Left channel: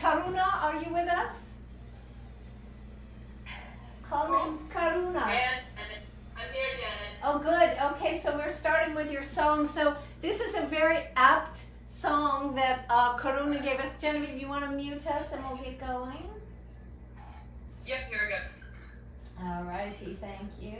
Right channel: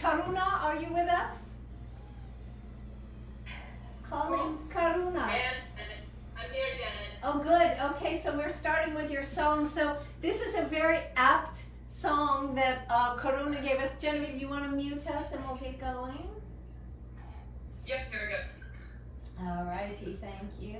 Karuna, are you with us? Calling Karuna. I'm here, Janet. Oh, good. Okay, so we're starting with your song. So this is a very apt song that Karuna gave us. Genevieve, you want to mute us and we'll get going? Yep, here we go. All righty, thank you.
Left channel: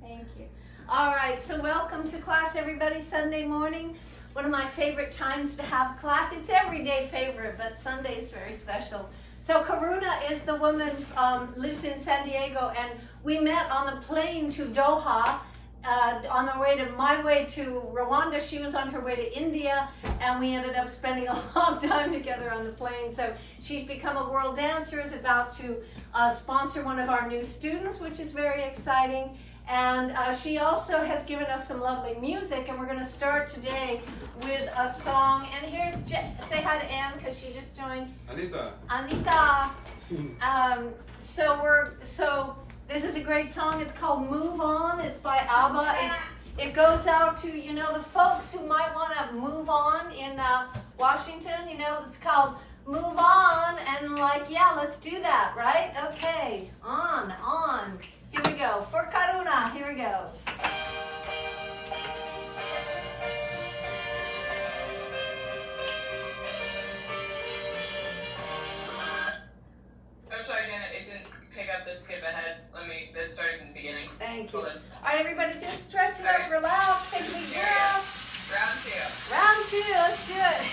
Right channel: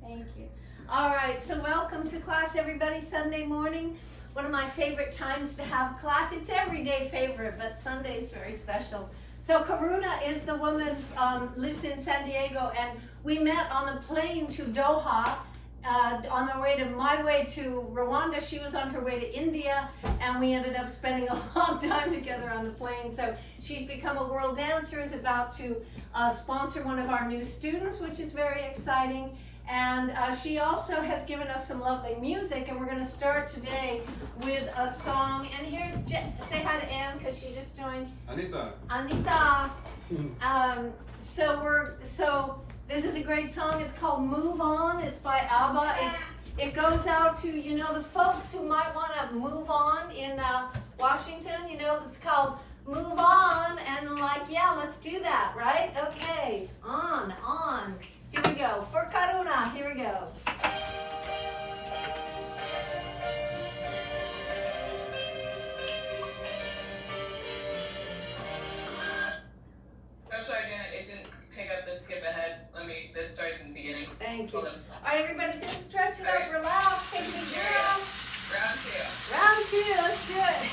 Thank you. All right, so welcome to class, everybody. Sunday morning, one of my favorite times to have class. It's everyday favorite, but Sunday is very special. So Karuna is the woman, lives in San Diego, and we met on the plane to Doha. On the way to my way to Rwanda, she was on her way to India, and we ended up spending a long time together on the plane. So she's become a world dancer, is about to sponsor one of our new students, which is very exciting. And she also has given us some lovely music, and we're going to start today with a song. And here's, say hi to Anne, because she just joined. Anita. So this is a great song. It's called Move On. It's by ABBA. It goes out to, you know, the folks who might want to move on in Washington. You know, it's called Move On. And like, yeah, let's do that, right? Okay, on. Here we go. For Karuna, here we go. I'm sorry, Janet, it didn't pick up the skip ahead. Let's start from the beginning. Thank you. Hold on. All right, everybody, just stretch it out, relax, take a big breath. Round two. Round two, let's do it.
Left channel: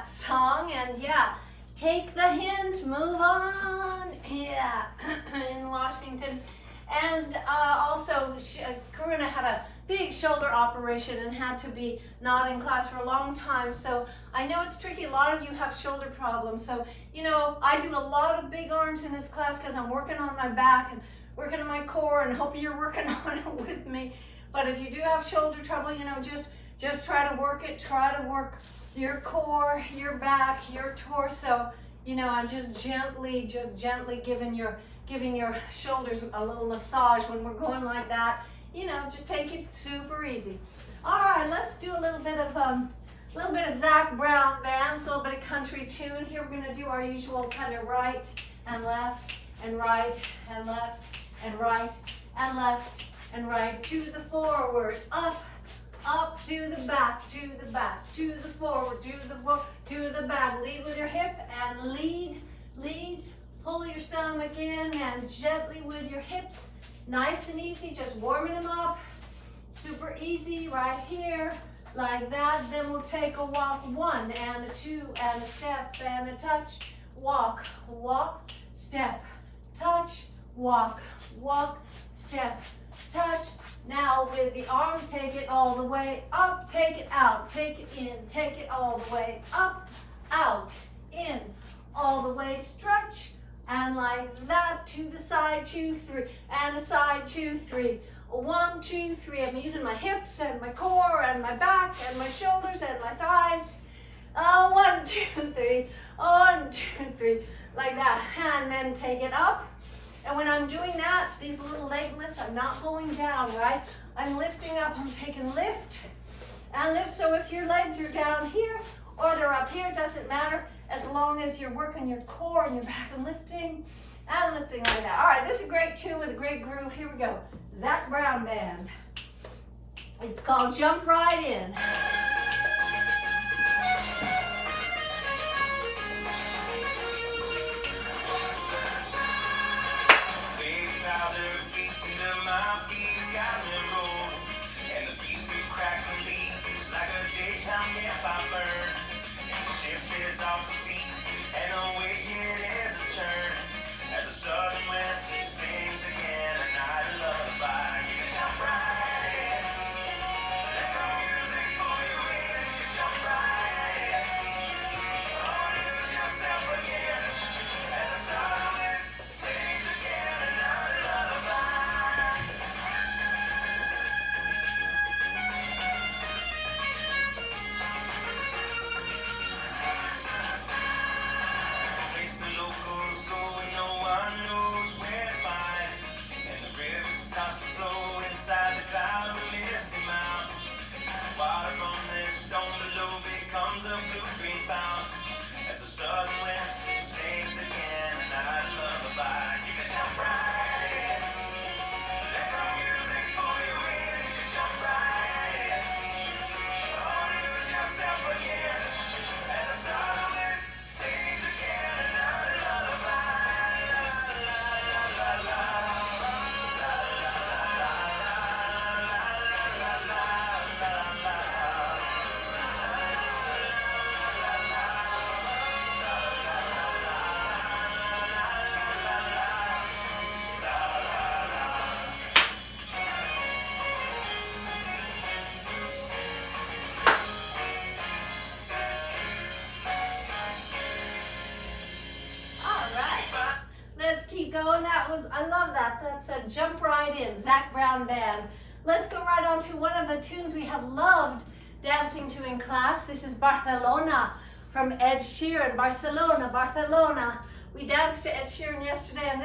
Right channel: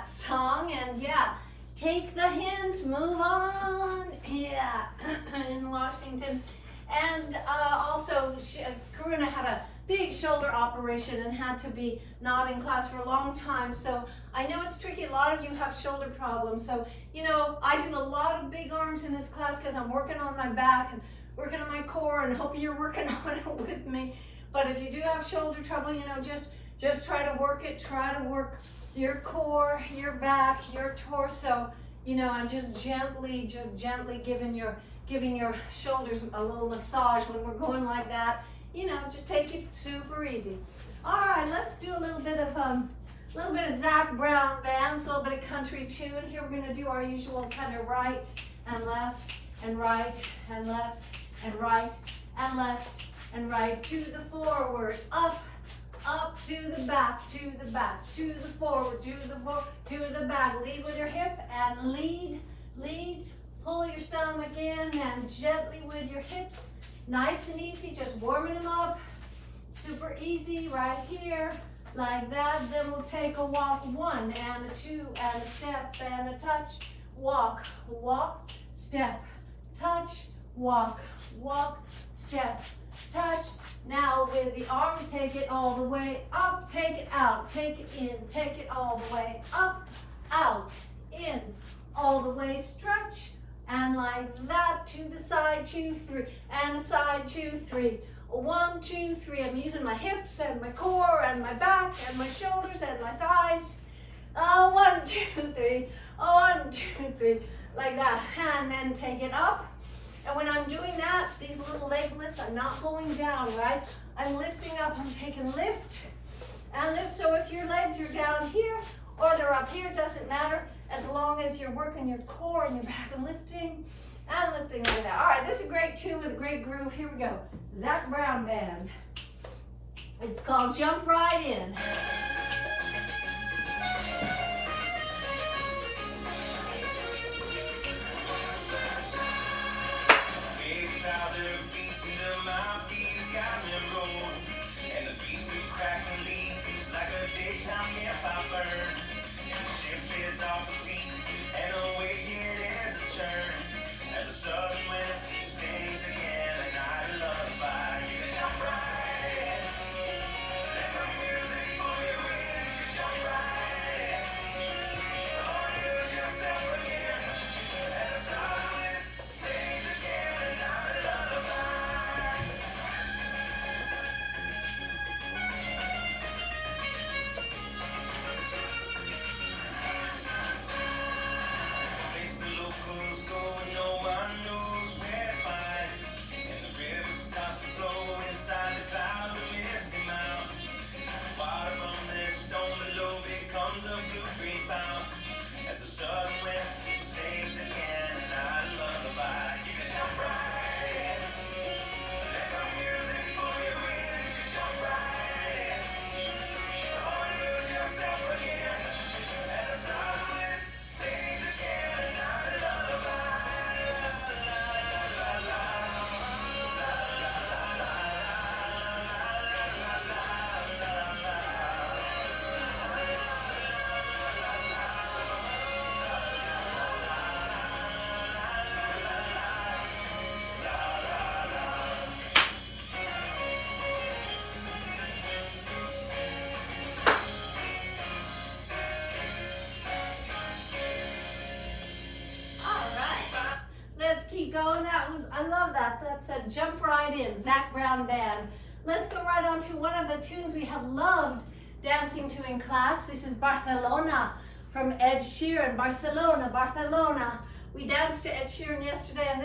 that song. And yeah, take the hint, move on. Yeah, in Washington. And also, Karuna had a big shoulder operation and had to be not in class for a long time. So I know it's tricky. A lot of you have shoulder problems. So, you know, I do a lot of big arms in this class because I'm working on my back and working on my core, and hope you're working on it with me. But if you do have shoulder trouble, you know, just try to work it. Try to work your core, your back, your torso. You know, I'm just gently giving your shoulders a little massage when we're going like that. You know, just take it super easy. All right, let's do a little bit of Zac Brown bands, a little bit of country tune. Here we're gonna do our usual kind of right and left and right and left and right and left and right, to the forward, up, to the back, to the forward, to the back. Lead with your hip and lead. Pull your stomach in and gently with your hips. Nice and easy, just warming them up. Super easy right here, like that. Then we'll take a walk, 1 and a 2 and a step and a touch. Walk, step, touch, walk, step, touch. Now with the arm, take it all the way up, take it out, take it in, take it all the way up, out, in, all the way, stretch, and like that, to the side, 2, 3, and a side, 2, 3. 1, 2, 3. I'm using my hips and my core and my back and my shoulders and my thighs. 1, 2, 3. 1, 2, 3. Like that. And then take it up. And when I'm doing that, these little leg lifts are not going down, right? I'm lifting up. I'm taking lift and lift. So if your legs are down here or they're up here, it doesn't matter, as long as you're working your core and your back and lifting like that. All right, this is a great tune with a great groove. Here we go. Zac Brown Band. It's called Jump Right In. Off the seat, and the wicked is a turn as the southern wind sings again another lullaby. You can jump right in, let the music pull you in. You can jump right in, or lose yourself again as the southern wind sings again another lullaby. Locals go and no one knows where to find, and the river starts to flow inside the clouds of misty mountains. The water from this stone below becomes a blue-green fountain as the southern wind sings again another lullaby. You can jump right in, let the music pull you in. You can jump right in, or lose yourself again as the southern wind sings again another lullaby. Going. I love that. That's a Jump Right In, Zac Brown Band. Let's go right on to one of the tunes we have loved dancing to in class. This is Barcelona from Ed Sheeran. Barcelona. We danced to Ed Sheeran yesterday, and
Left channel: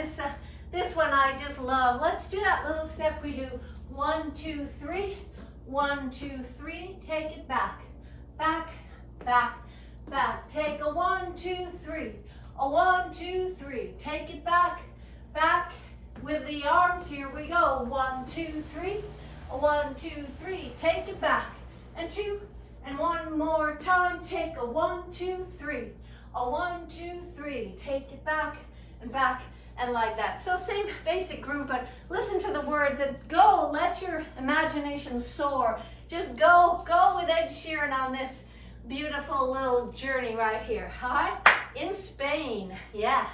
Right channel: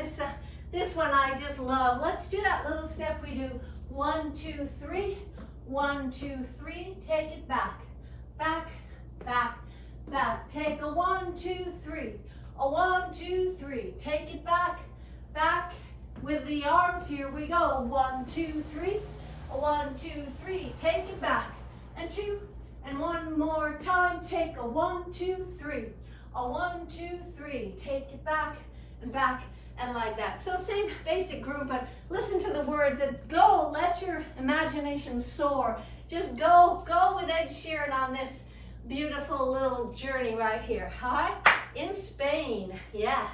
this one I just love. Let's do that little step we do. 1, 2, 3. 1, 2, 3. Take it back. Take a 1, 2, 3. A 1, 2, 3. Take it back with the arms. Here we go. 1, 2, 3. A 1, 2, 3. Take it back. And 2. And one more time. Take a 1, 2, 3. A 1, 2, 3. Take it back and like that. So same basic groove, but listen to the words and go. Let your imagination soar. Just go with Ed Sheeran on this beautiful little journey right here. All right, in Spain, yeah.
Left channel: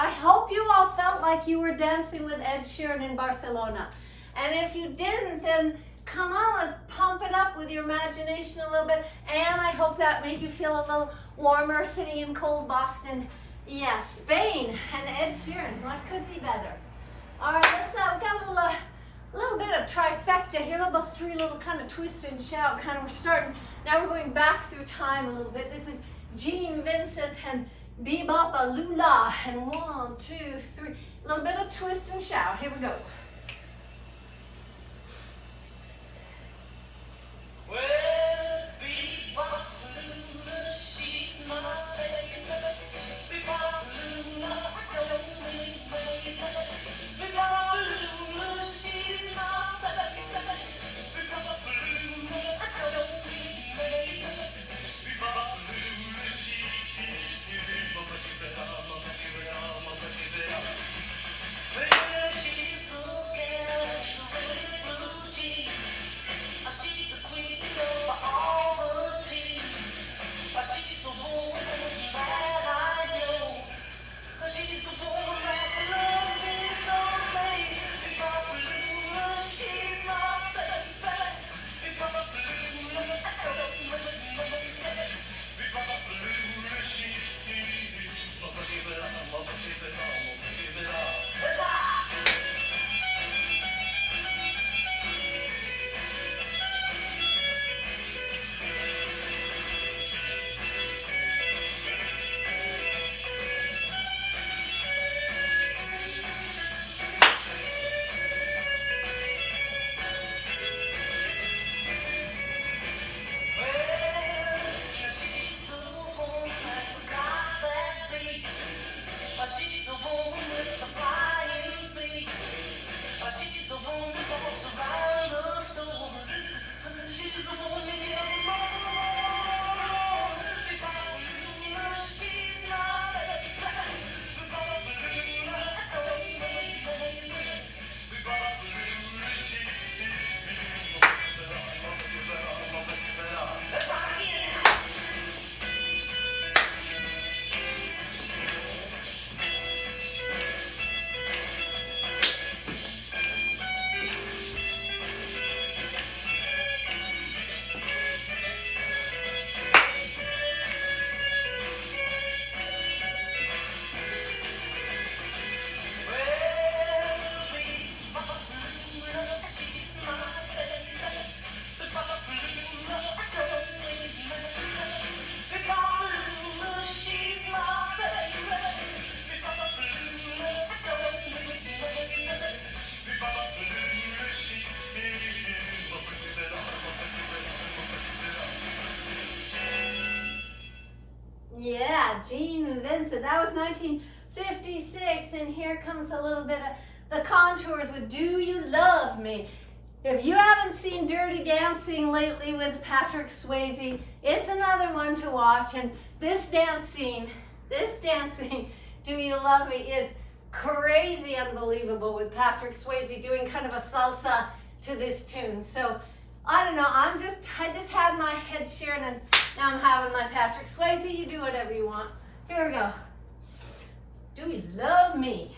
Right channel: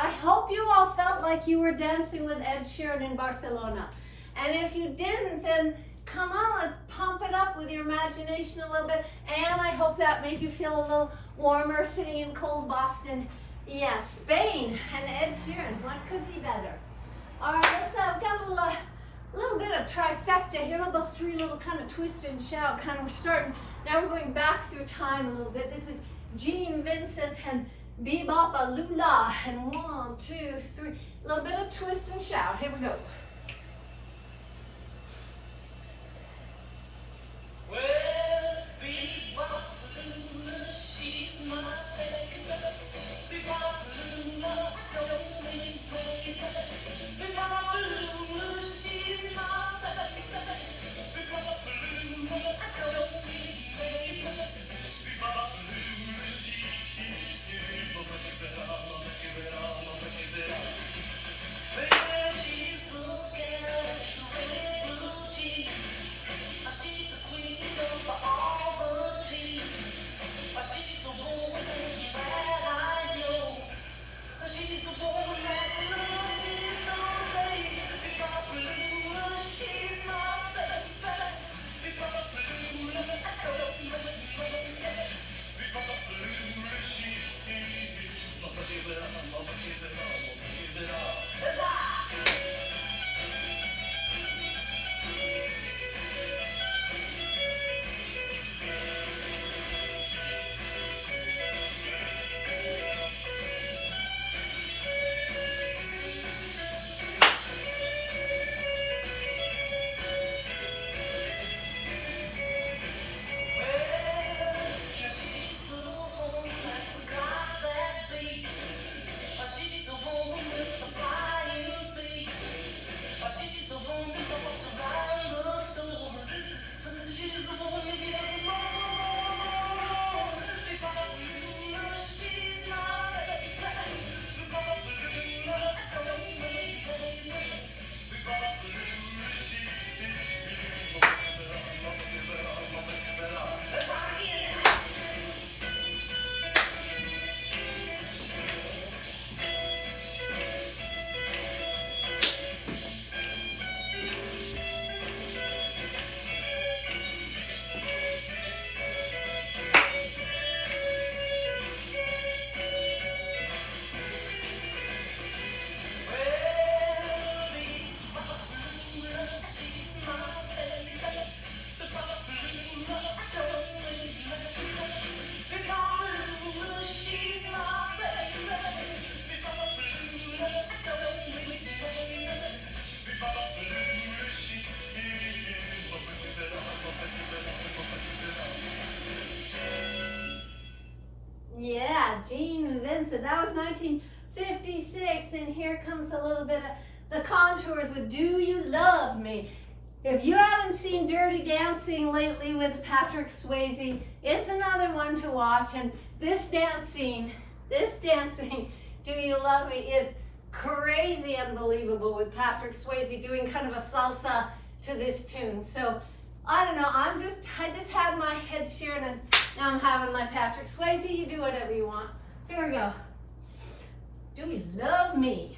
I hope you all felt like you were dancing with Ed Sheeran in Barcelona. And if you didn't, then come on, let's pump it up with your imagination a little bit. And I hope that made you feel a little warmer sitting in cold Boston. Yeah, Spain and Ed Sheeran. What could be better? All right, let's we've got a little bit of trifecta here, a little three little kind of twist and shout. Kind of we're starting. Now we're going back through time a little bit. This is Gene Vincent and Bebop Lula. And 1, 2, 3. A little bit of twist and shout. Here we go. Well, Bebop Lula, she's my Bebop Lula, Bebop Lula, she's my Gene Vincent. That was 1956, and here comes a little bit of the Contours with Do You Love Me? If you haven't seen Dirty Dancing lately with Patrick Swayze, it's another one to watch. And this dancing, Do You Love Me, is crazy unbelievable with Patrick Swayze doing kind of a salsa to this tune. So I don't know, I just had my Ed Sheeran and now I'm having my Patrick Swayze. You do whatever you want. Here we go. Do You Love Me?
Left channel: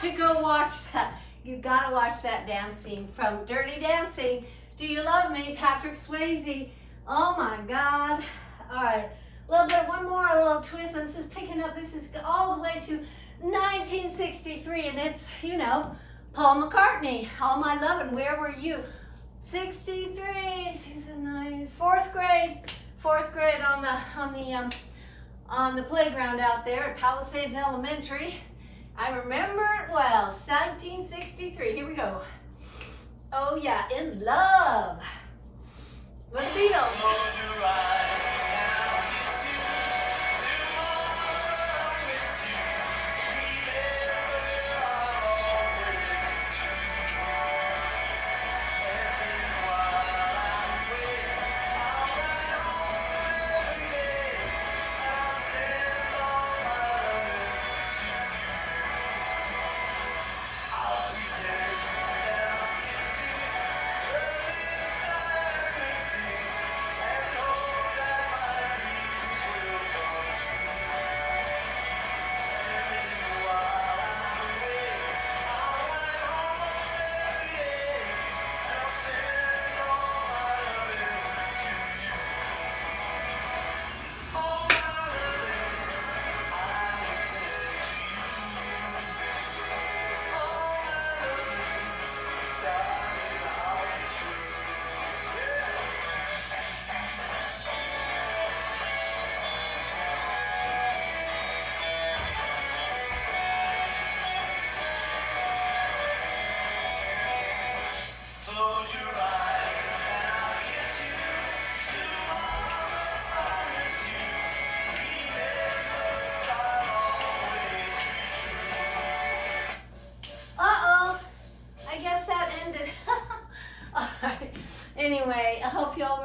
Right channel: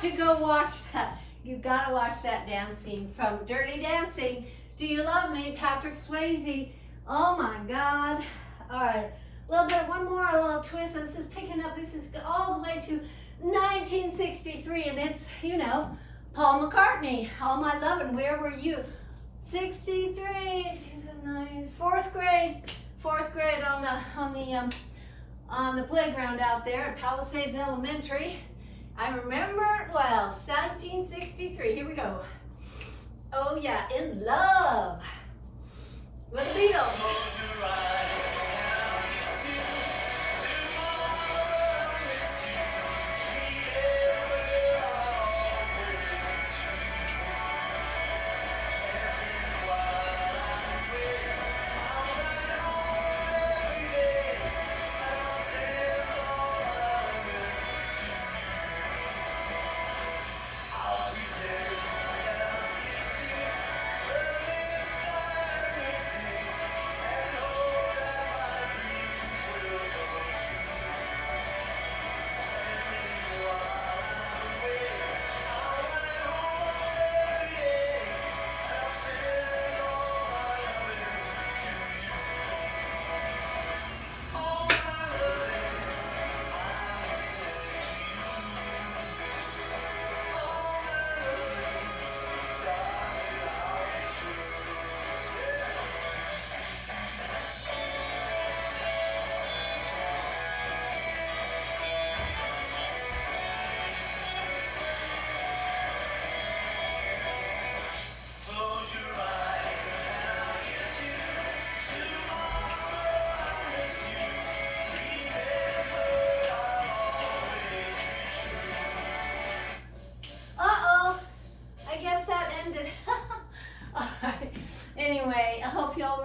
To go watch that. You gotta watch that dance scene from Dirty Dancing. Do You Love Me? Patrick Swayze. Oh my God. All right, a little bit, one more, a little twist. This is picking up. This is all the way to 1963, and it's, you know, Paul McCartney. All My Lovin', Where Were You? 63, 69, fourth grade on the playground out there at Palisades Elementary. I remember it well, 1963. Here we go. Oh yeah, In Love with the Beatles.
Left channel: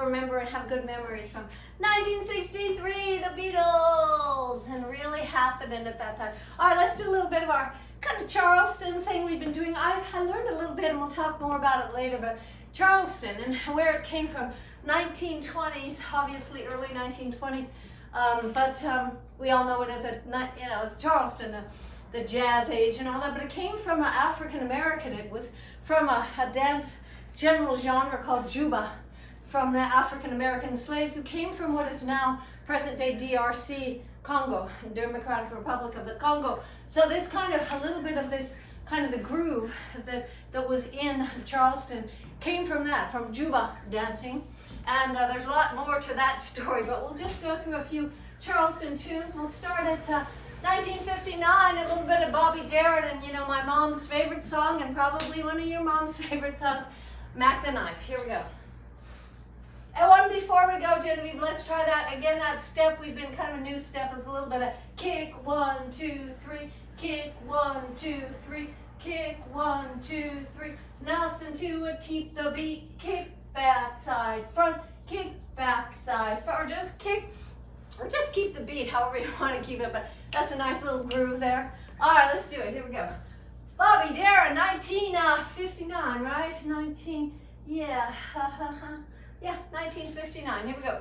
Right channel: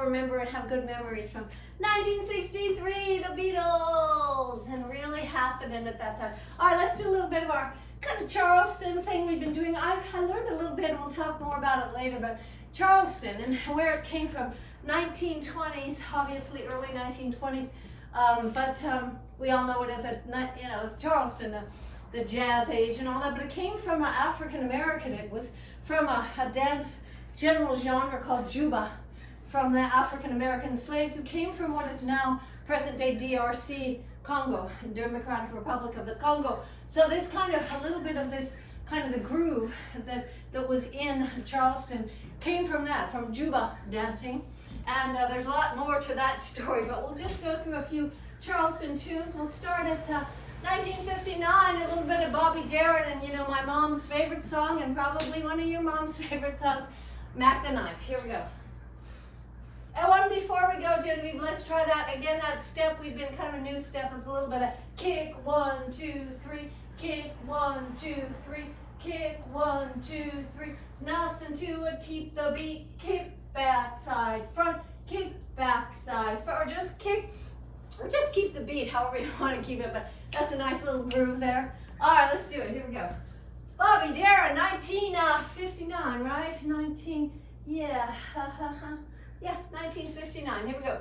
remember and have good memories from 1963, the Beatles, and really happening at that time. All right, let's do a little bit of our kind of Charleston thing we've been doing. I learned a little bit, and we'll talk more about it later, but Charleston and where it came from. 1920s, obviously early 1920s, but we all know it as as Charleston, the jazz age and all that, but it came from an African American. It was from a dance general genre called Juba, from the African American slaves who came from what is now present day DRC, Congo, Democratic Republic of the Congo. So this kind of, a little bit of this kind of the groove that was in Charleston came from that, from Juba dancing. And there's a lot more to that story, but we'll just go through a few Charleston tunes. We'll start at 1959, a little bit of Bobby Darin, and my mom's favorite song, and probably one of your mom's favorite songs, Mac the Knife. Here we go. And one before we go, Genevieve, let's try that again. That step, we've been kind of a new step, is a little bit of kick, 1, 2, 3, kick, 1, 2, 3, kick, 1, 2, 3. Nothing to it, keep the beat, kick, back, side, front, kick, back, side, front, or just kick, or just keep the beat, however you want to keep it, but that's a nice little groove there. All right, let's do it. Here we go. Bobby Darin, 1959, right? Yeah, yeah, 1959. Here we go.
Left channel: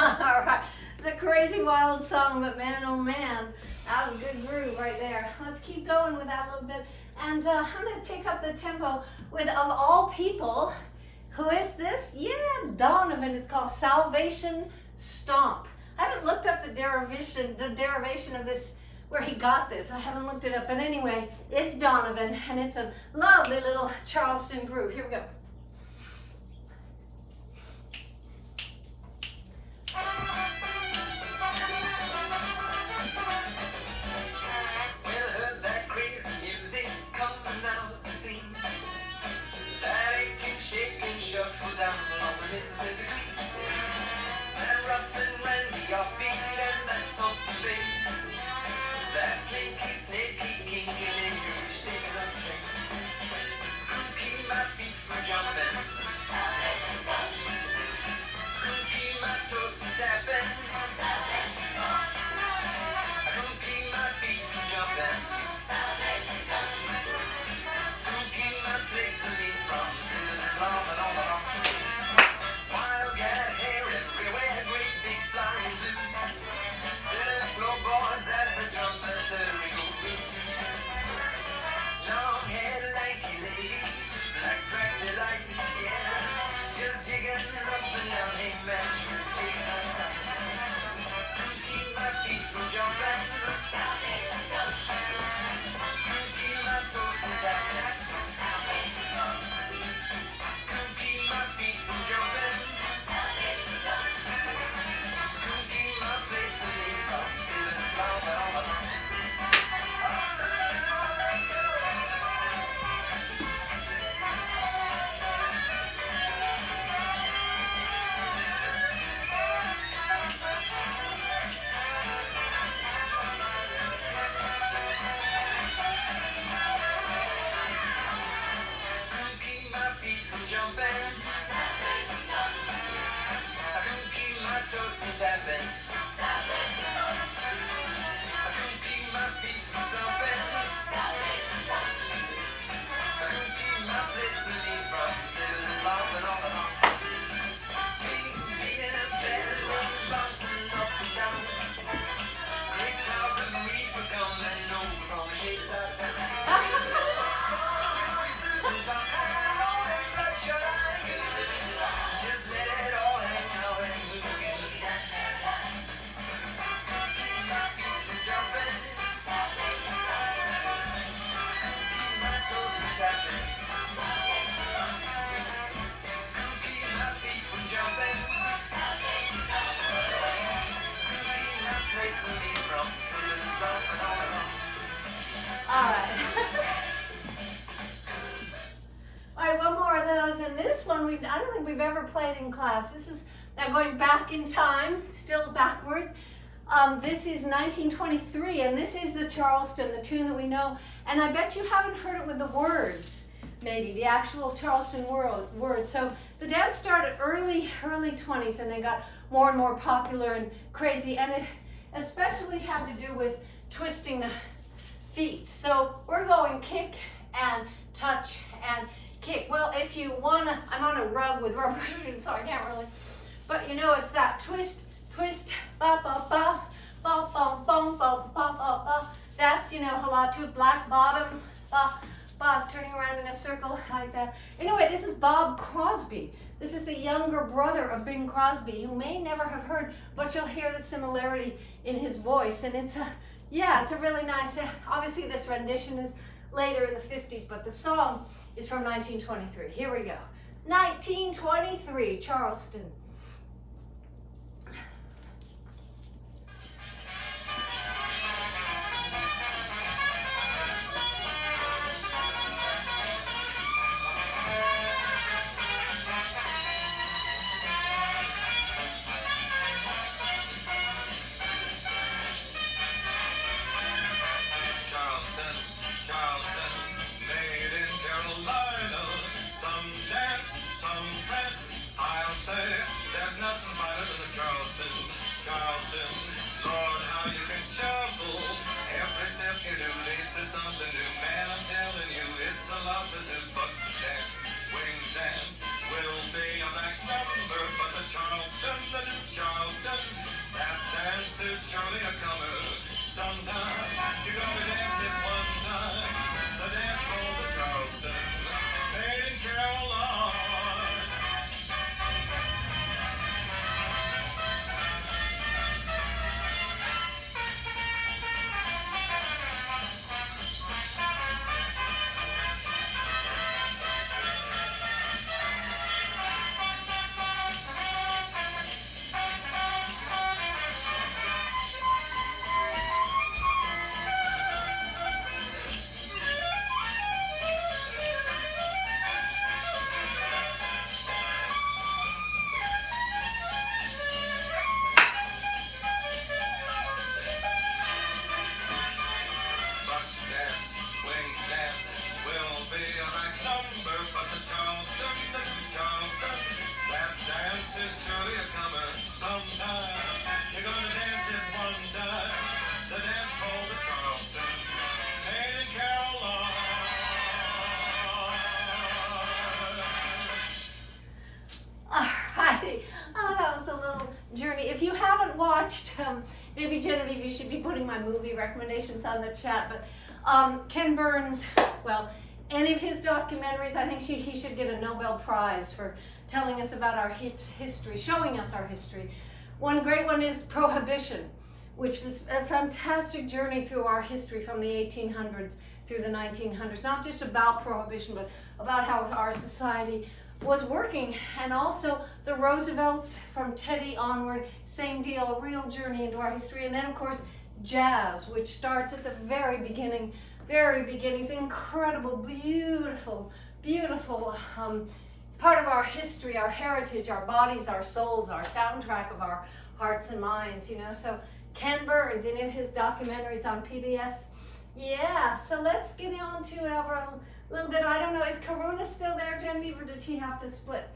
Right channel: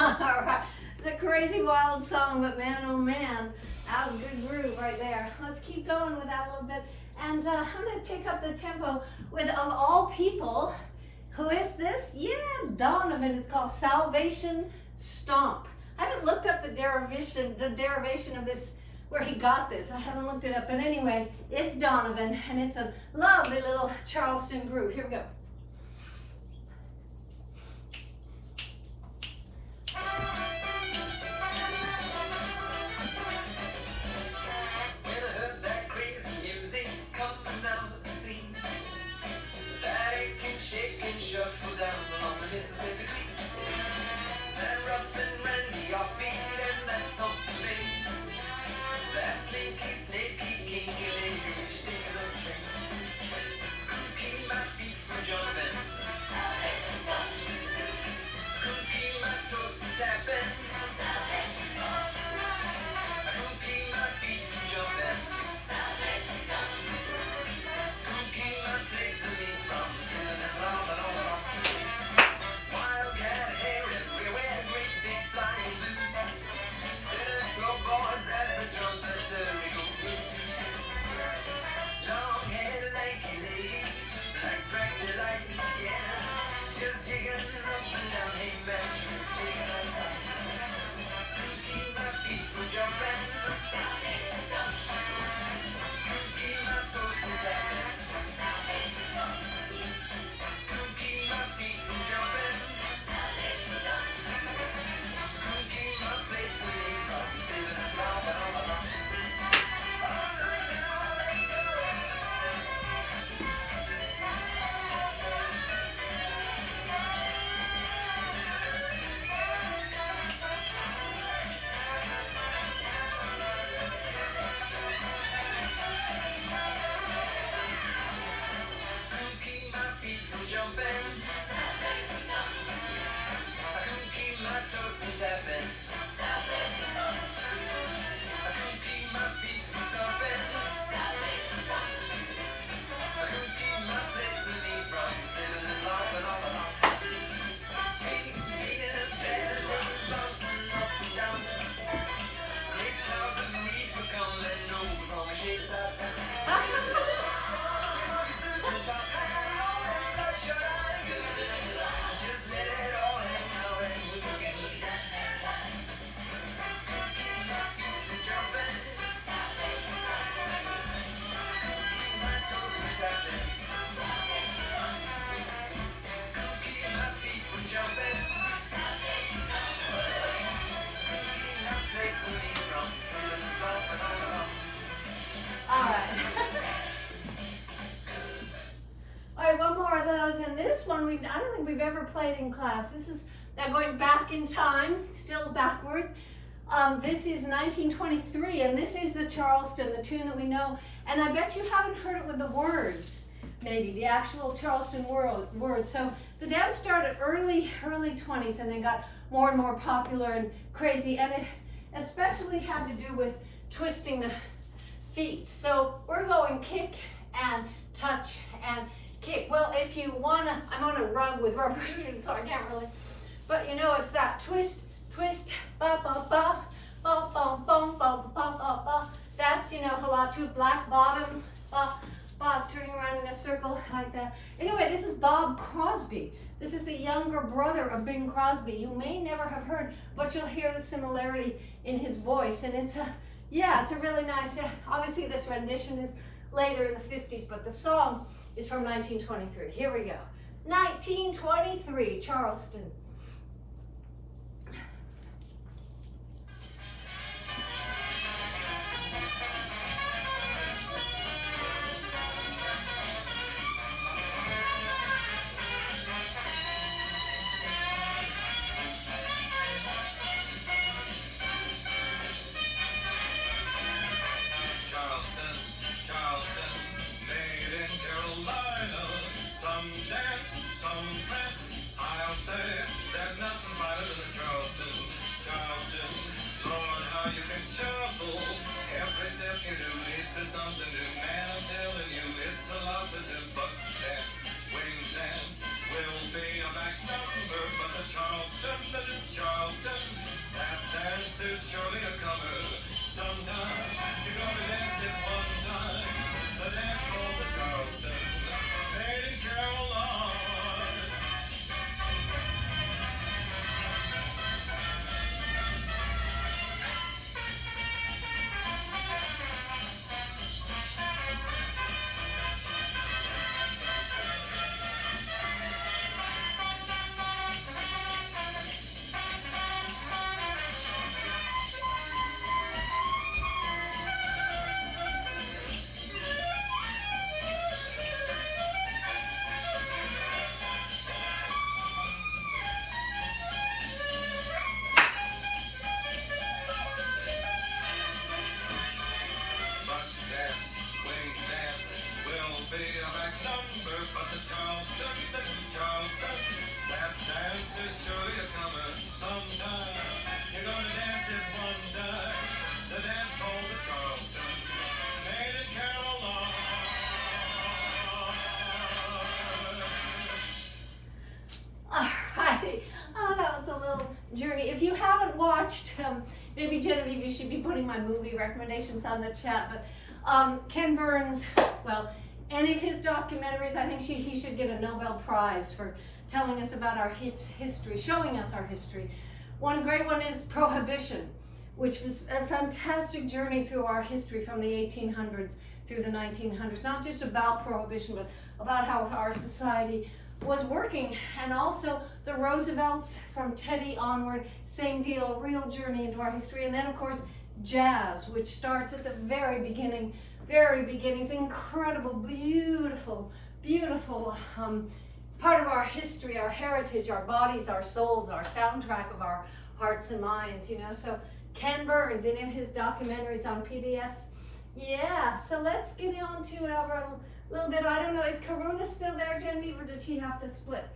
All right, it's a crazy wild song, but man, oh man, that was a good groove right there. Let's keep going with that a little bit, and I'm going to pick up the tempo with, of all people, who is this? Yeah, Donovan. It's called Salvation Stomp. I haven't looked up the derivation of this where he got this. I haven't looked it up, but anyway, it's Donovan, and it's a lovely little Charleston group. Here we go. I don't think we've ever played in class. This is now going back in time, still backwards. This is 1923, and this is the Charleston, the tune that we know. And I bet you haven't heard it with the words, maybe, the actual Charleston words. So the dance started early 20s, and then got more and more popular and crazy. And it especially had to do with twisting the feet. So we're going kick and touch and kick. Well, if you wanna, I'm on a rug with rubber shoes, so I can't really, but you know, it's that twist, twist, ba ba ba, ba ba ba ba ba ba ba. That's, you know, halatu, black bottom, ba ba, turning around in a circle like that. Anyway, this is Bob Crosby. This is the younger brother of Bing Crosby. You may never have heard, but you'll hear the similarity in his voice, and it's a, yeah, it's a really nice, obviously this rendition is later in the 50s, but the song is from 1923. Here we go. 1923, Charleston. There's nothing better than Charleston, Charleston. Lord, how you can shuffle. Every step you do leads to something new. Man, I'm telling you, it's a lot that's in butt dance. Wing dance will be a back number, but the Charleston, that dance is surely a comer. Sometimes you're gonna dance it one time. The dance for the Charleston, made in Carolina. journey. If you haven't watched, maybe Genevieve, you should be putting my movie recommendations on the chat, but Ken Burns, well, any of his documentaries, I think he should get a Nobel Prize for telling us about our history, showing us our history. One great one is Prohibition, which was a fantastic journey through our history from the 1800s through the 1900s, not just about prohibition, but about how our society was working. And also the Roosevelts from Teddy onward, same deal, a real journey into our history. And then of course jazz, which starts at the very beginning, it's incredible, beautiful part of our history, our heritage, our bodies, our souls, our soundtrack of our hearts and minds, you know. So Ken Burns, any of his documentaries on PBS. Yeah, so let's get on to it over a little bit. I don't know, is Karuna still there, Genevieve, or did she have to split?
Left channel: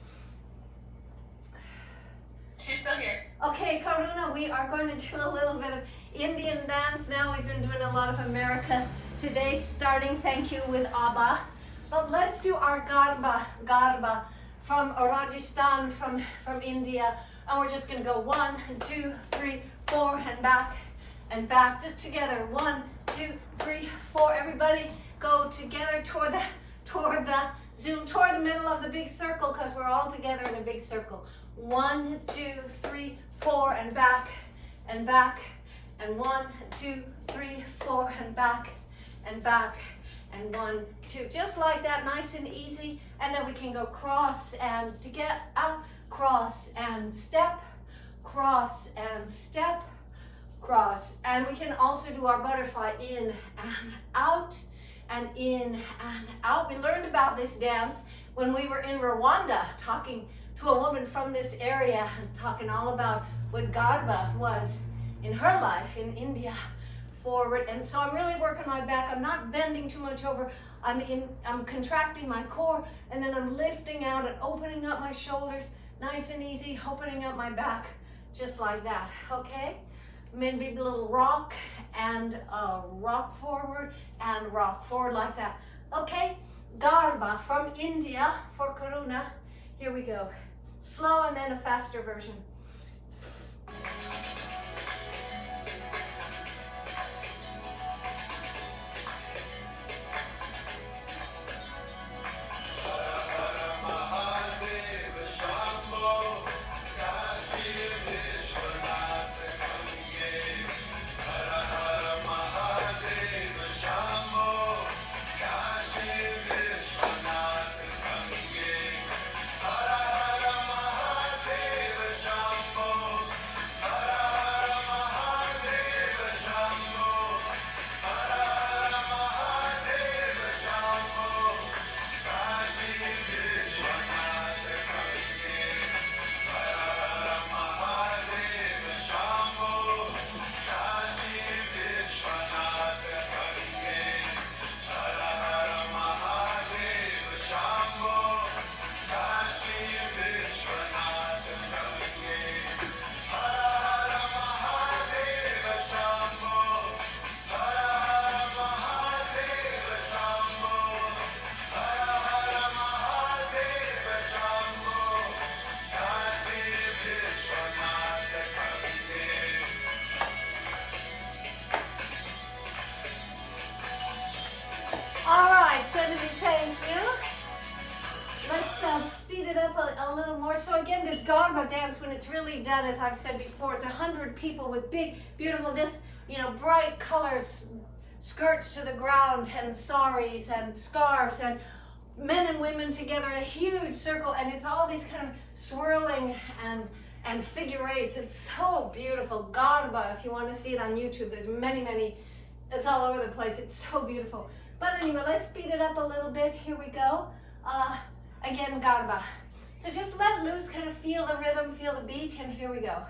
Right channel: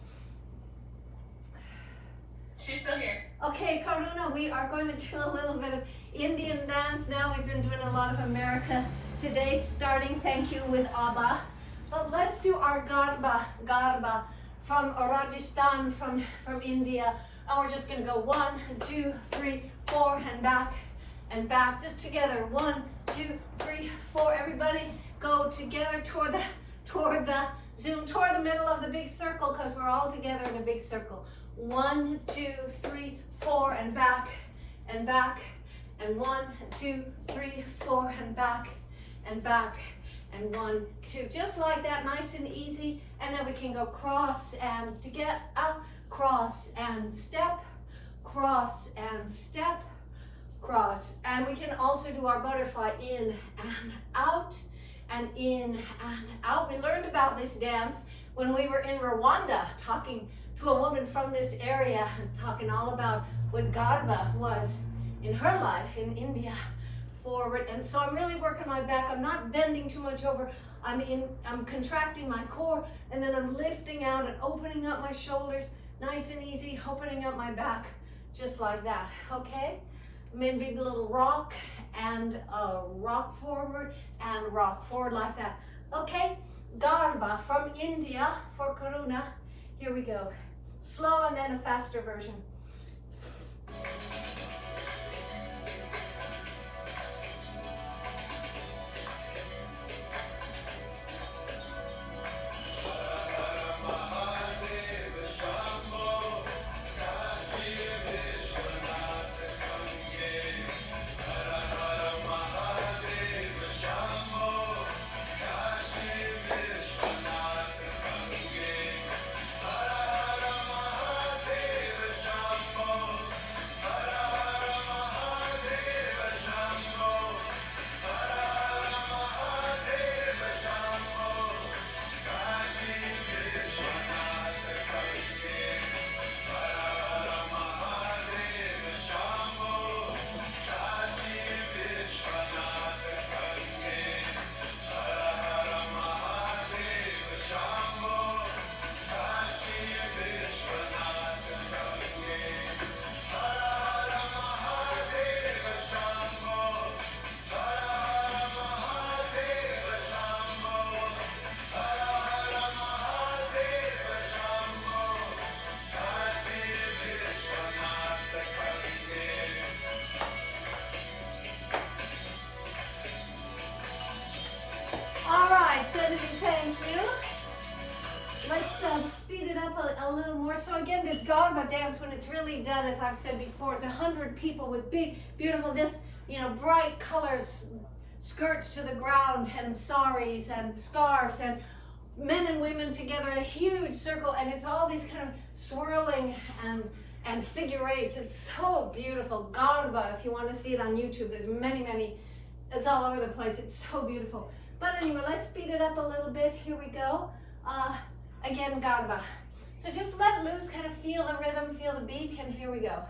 She's still here. Okay, Karuna, we are going to do a little bit of Indian dance now. We've been doing a lot of America today, starting, thank you, with ABBA. But let's do our Garba from Rajasthan, from India. And we're just gonna go 1, 2, 3, 4, and back, just together. 1, 2, 3, 4. Everybody go together toward the zoom, toward the middle of the big circle, because we're all together in a big circle. 1, 2, 3, 4, and back, and 1, 2, 3, 4, and back, and 1, 2, just like that, nice and easy. And then we can go cross and to get out, cross and step, cross and step, cross. And we can also do our butterfly in and out, and in and out. We learned about this dance when we were in Rwanda, talking to a woman from this area and talking all about what Garba was in her life in India. Forward, and so I'm really working my back. I'm not bending too much over. I'm contracting my core, and then I'm lifting out and opening up my shoulders, nice and easy, opening up my back, just like that. Okay, maybe a little rock and rock forward and rock forward like that. Okay, Garba from India for Karuna. Here we go. Slow and then a faster version. Thank you. Let's speed it up a little more. So again, this Garba dance, when it's really done, as I've said before, it's 100 people with big, beautiful, bright colors, skirts to the ground, and saris and scarves, and men and women together in a huge circle, and it's all these kind of swirling and figure eights. It's so beautiful. Garba, if you want to see it on YouTube, there's many, it's all over the place. It's so beautiful. But anyway, let's speed it up a little bit. Here we go. Again, Garba. So just let loose, kind of feel the rhythm, feel the beat, and here we go.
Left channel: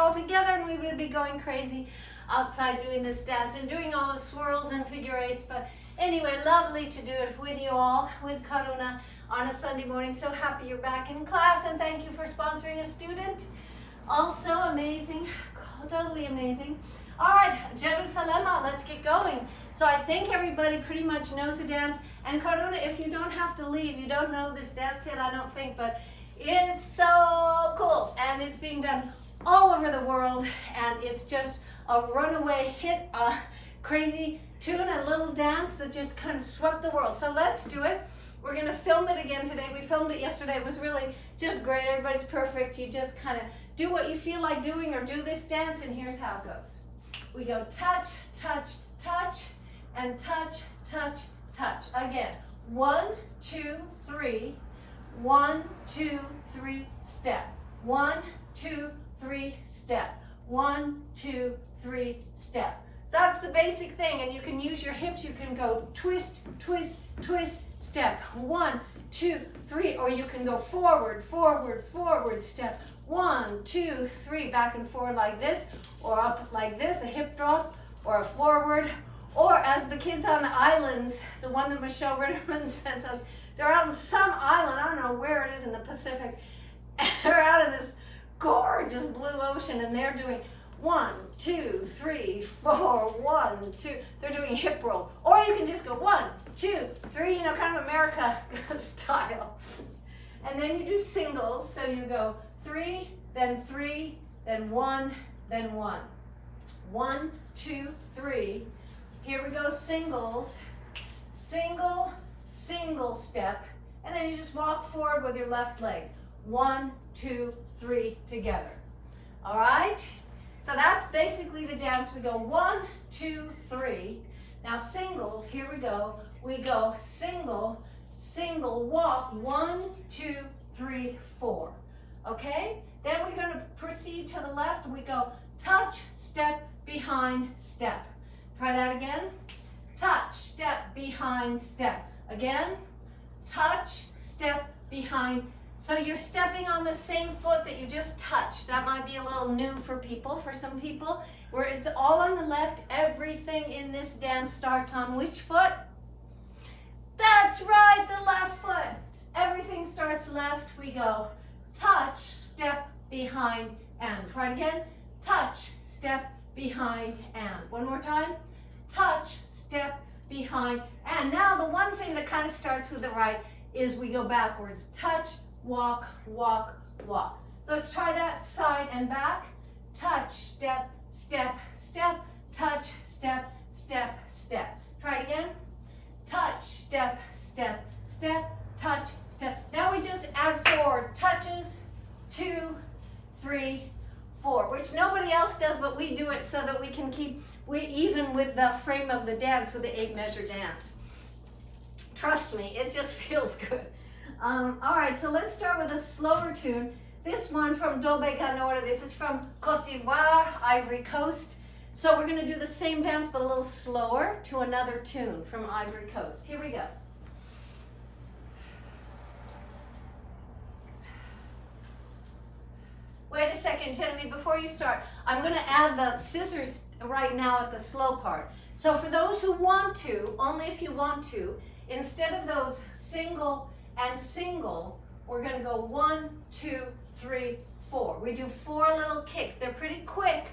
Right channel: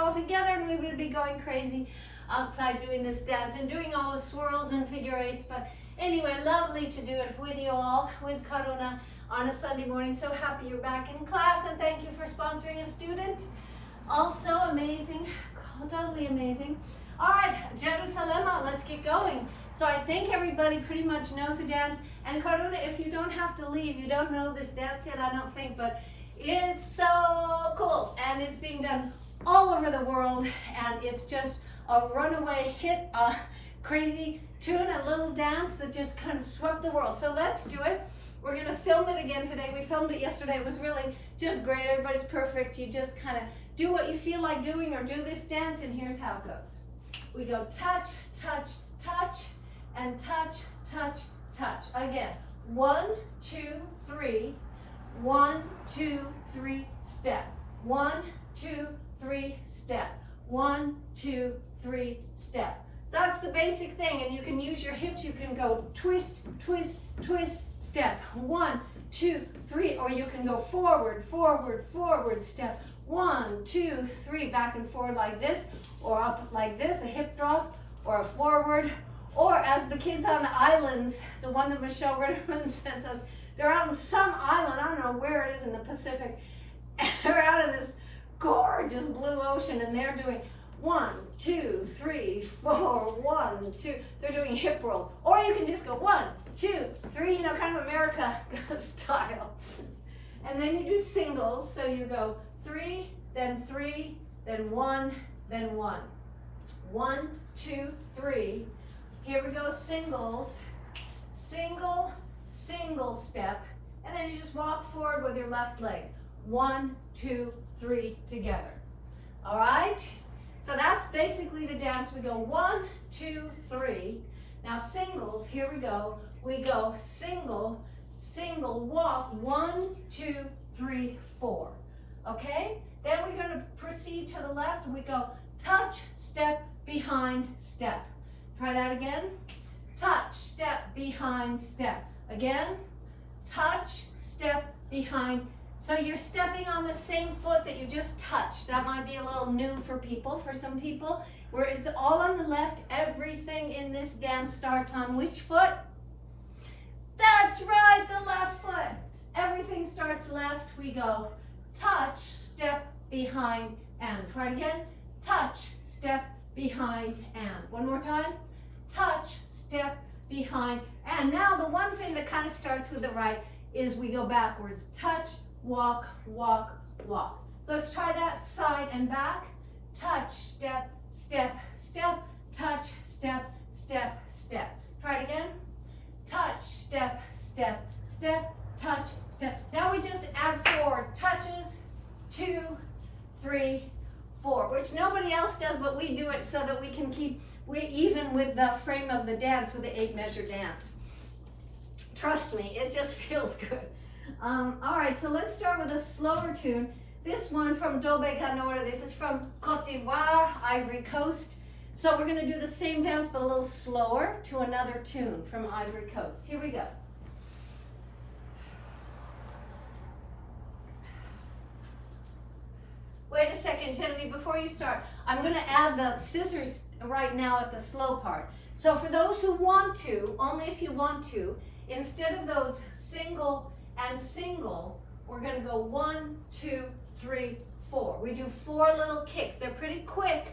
all together and we would be going crazy outside doing this dance and doing all the swirls and figure eights. But anyway, lovely to do it with you all, with Karuna on a Sunday morning. So happy you're back in class, and thank you for sponsoring a student. Also amazing, totally amazing. All right, Jerusalem, let's get going. So I think everybody pretty much knows the dance. And Karuna, if you don't have to leave, you don't know this dance yet, I don't think, but it's so cool. And it's being done all over the world, and it's just a runaway hit, a crazy tune, a little dance that just kind of swept the world. So let's do it. We're gonna film it again today. We filmed it yesterday. It was really just great. Everybody's perfect. You just kind of do what you feel like doing or do this dance, and here's how it goes. We go touch, touch, touch, and touch, touch, touch. Again, 1, 2, 3, 1, 2, 3, step. 1, 2, 3, step. 1, 2, 3, step. So that's the basic thing, and you can use your hips. You can go twist, twist, twist, step. 1, 2, 3, or you can go forward, forward, forward, step. 1, 2, 3, back and forward like this, or up like this, a hip drop, or a forward. Or as the kids on the islands, the one that Michelle Ritterman sent us, they're out in some island, I don't know where it is in the Pacific, and they're out in this gorgeous blue ocean, and they're doing 1, 2, 3, 4, 1, 2, they're doing hip roll. Or you can just go 1, 2, 3, you know, kind of America style. And then you do singles, so you go 3, then 1, then 1. 1, 2, 3. Here we go, singles, single, single step, and then you just walk forward with your left leg. 1, 2, 3 together. All right? So that's basically the dance. We go 1, 2, 3. Now singles, here we go. We go single, single, walk, 1, 2, 3, 4. Okay? Then we're going to proceed to the left. We go touch, step, behind, step. Try that again. Touch, step, behind, step. Again, touch, step, behind. So you're stepping on the same foot that you just touched. That might be a little new for people, for some people, where it's all on the left. Everything in this dance starts on which foot? That's right, the left foot. Everything starts left. We go touch, step, behind, and. Try it again. Touch, step, behind, and. One more time. Touch, step, behind, and. Now the one thing that kind of starts with the right is we go backwards. Touch, walk, walk, walk. So let's try that side and back. Touch, step, step, step, touch, step, step, step. Try it again. Touch, step, step, step, touch, step. Now we just add 4 touches, 2, 3, 4, which nobody else does, but we do it so that we can keep even with the frame of the dance, with the 8-measure dance. Trust me, it just feels good. All right, so let's start with a slower tune. This one from Dobe Ganora. This is from Côte d'Ivoire, Ivory Coast. So we're going to do the same dance, but a little slower to another tune from Ivory Coast. Here we go. Wait a second, Genevieve, before you start, I'm going to add the scissors right now at the slow part. So for those who want to, only if you want to, instead of those single and single, we're going to go 1, 2, 3, 4. We do 4 little kicks. They're pretty quick.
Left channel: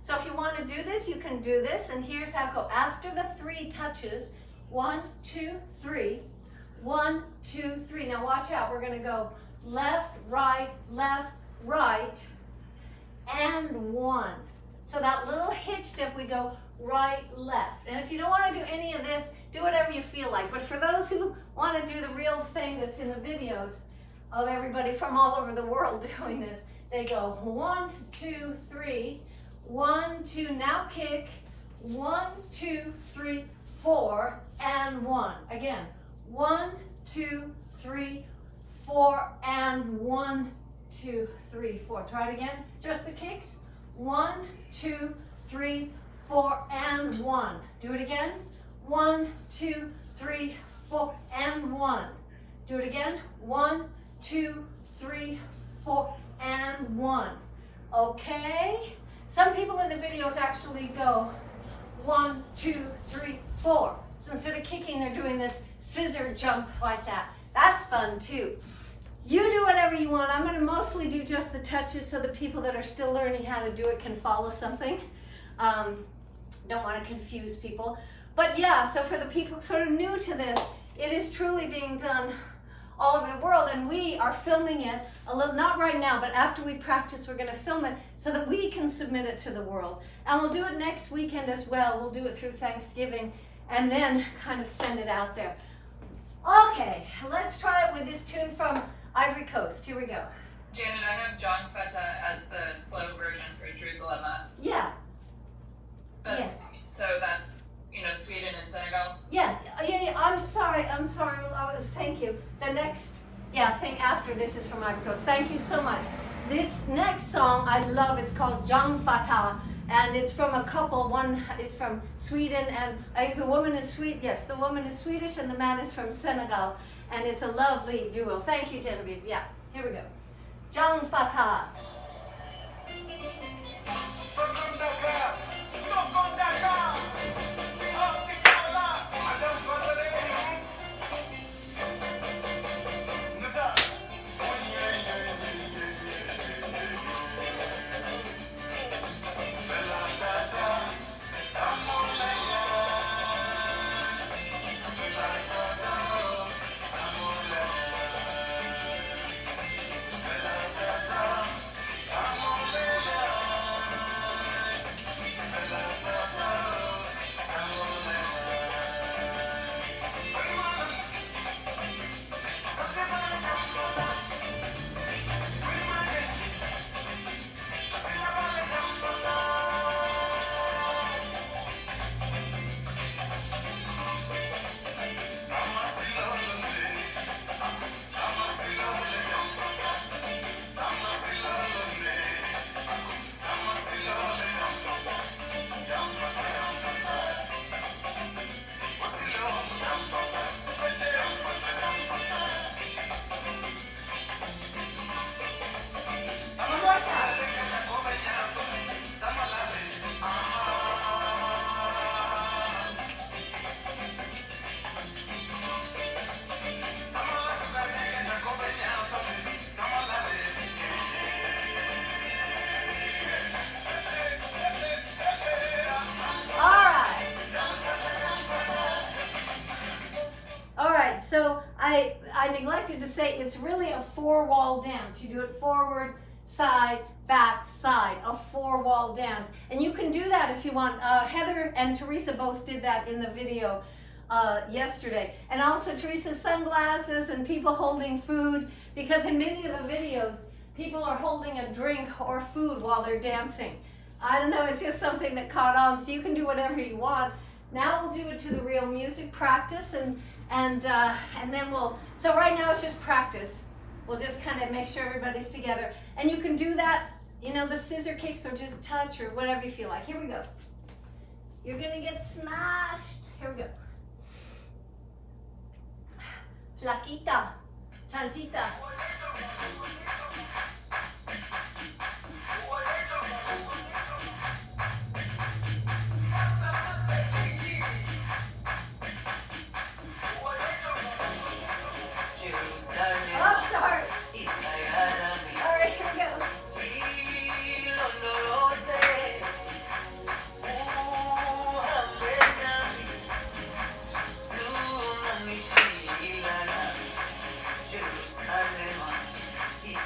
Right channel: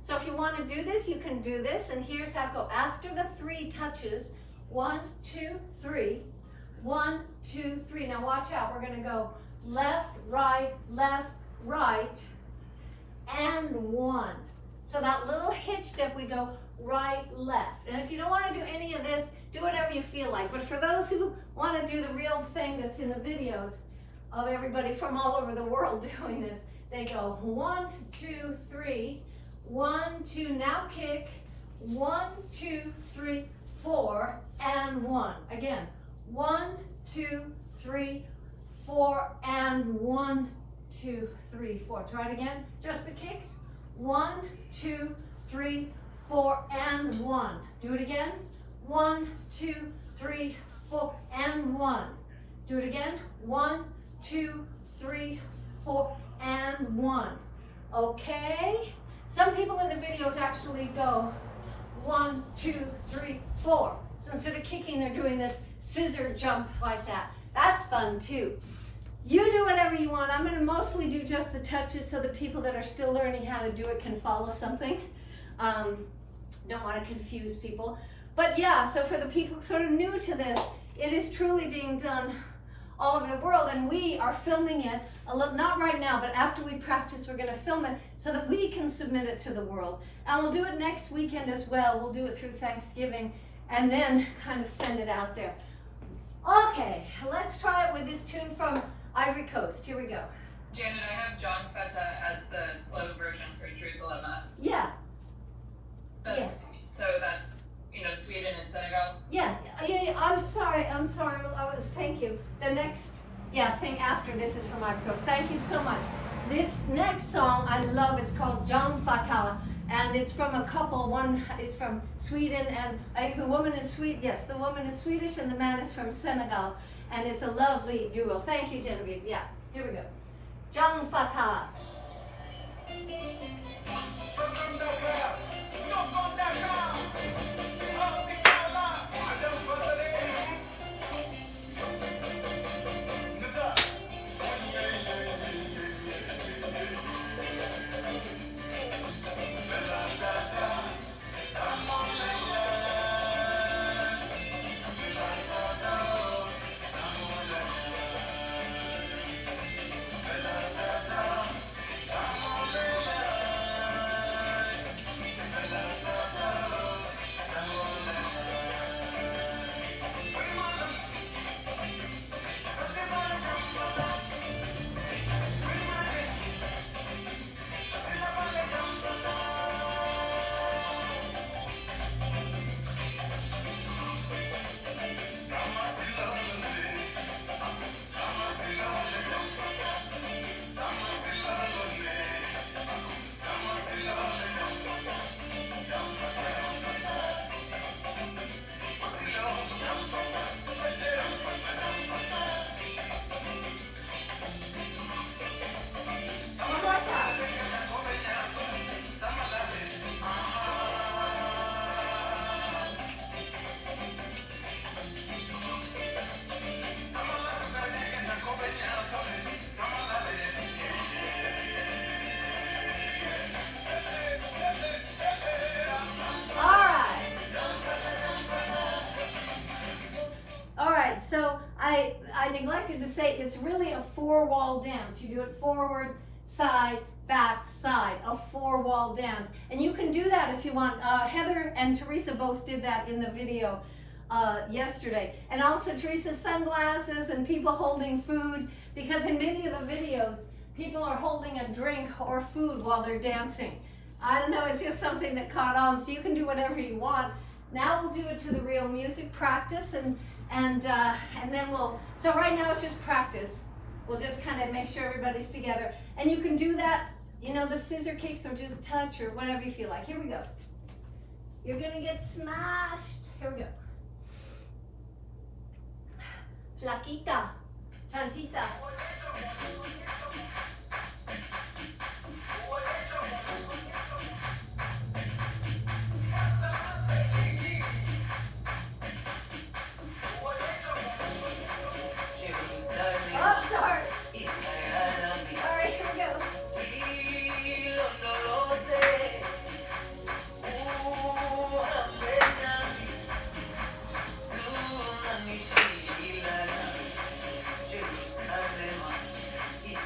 So if you want to do this, you can do this. And here's how it goes. After the 3 touches, 1, 2, 3, 1, 2, 3. Now watch out. We're going to go left, right, and 1. So that little hitch step, we go right, left. And if you don't want to do any of this, do whatever you feel like. But for those who want to do the real thing that's in the videos of everybody from all over the world doing this, they go 1, 2, 3, 1, 2, now kick, 1, 2, 3, 4, and 1. Again, 1, 2, 3, 4, and 1, 2, 3, 4. Try it again. Just the kicks. 1, 2, 3, 4, and 1. Do it again. 1, 2, 3, 4, and 1. Do it again. 1, 2, 3, 4, and 1. Okay? Some people in the videos actually go 1, 2, 3, 4. So instead of kicking, they're doing this scissor jump like that. That's fun too. You do whatever you want. I'm going to mostly do just the touches so the people that are still learning how to do it can follow something. Don't want to confuse people. But yeah, so for the people sort of new to this, it is truly being done all over the world, and we are filming it, a little, not right now, but after we practice, we're going to film it so that we can submit it to the world. And we'll do it next weekend as well. We'll do it through Thanksgiving and then kind of send it out there. Okay, let's try it with this tune from Ivory Coast. Here we go. Janet, I have John Feta as the slow version for Jerusalem. Yeah. So that's, Sweden and Senegal? Yeah, I'm sorry, thank you. The next, thing after this is from Ivory Coast. Thank you so much. This next song I love, it's called John Fata, and it's from a couple. One is from Sweden, and the woman is the woman is Swedish, and the man is from Senegal, and it's a lovely duo. Thank you, Genevieve. Yeah, here we go. John Fata. So I neglected to say it's really a 4-wall dance. You do it forward, side, back, side, a 4-wall dance. And you can do that if you want. Heather and Teresa both did that in the video yesterday. And also Teresa's sunglasses and people holding food, because in many of the videos, people are holding a drink or food while they're dancing. I don't know, it's just something that caught on, so you can do whatever you want. Now we'll do it to the real music, practice, and then so right now it's just practice. We'll just kind of make sure everybody's together. And you can do that, the scissor kicks or just touch or whatever you feel like. Here we go. You're gonna get smashed. Here we go. Flaquita, chanchita. Oh, sorry. All right, here we go.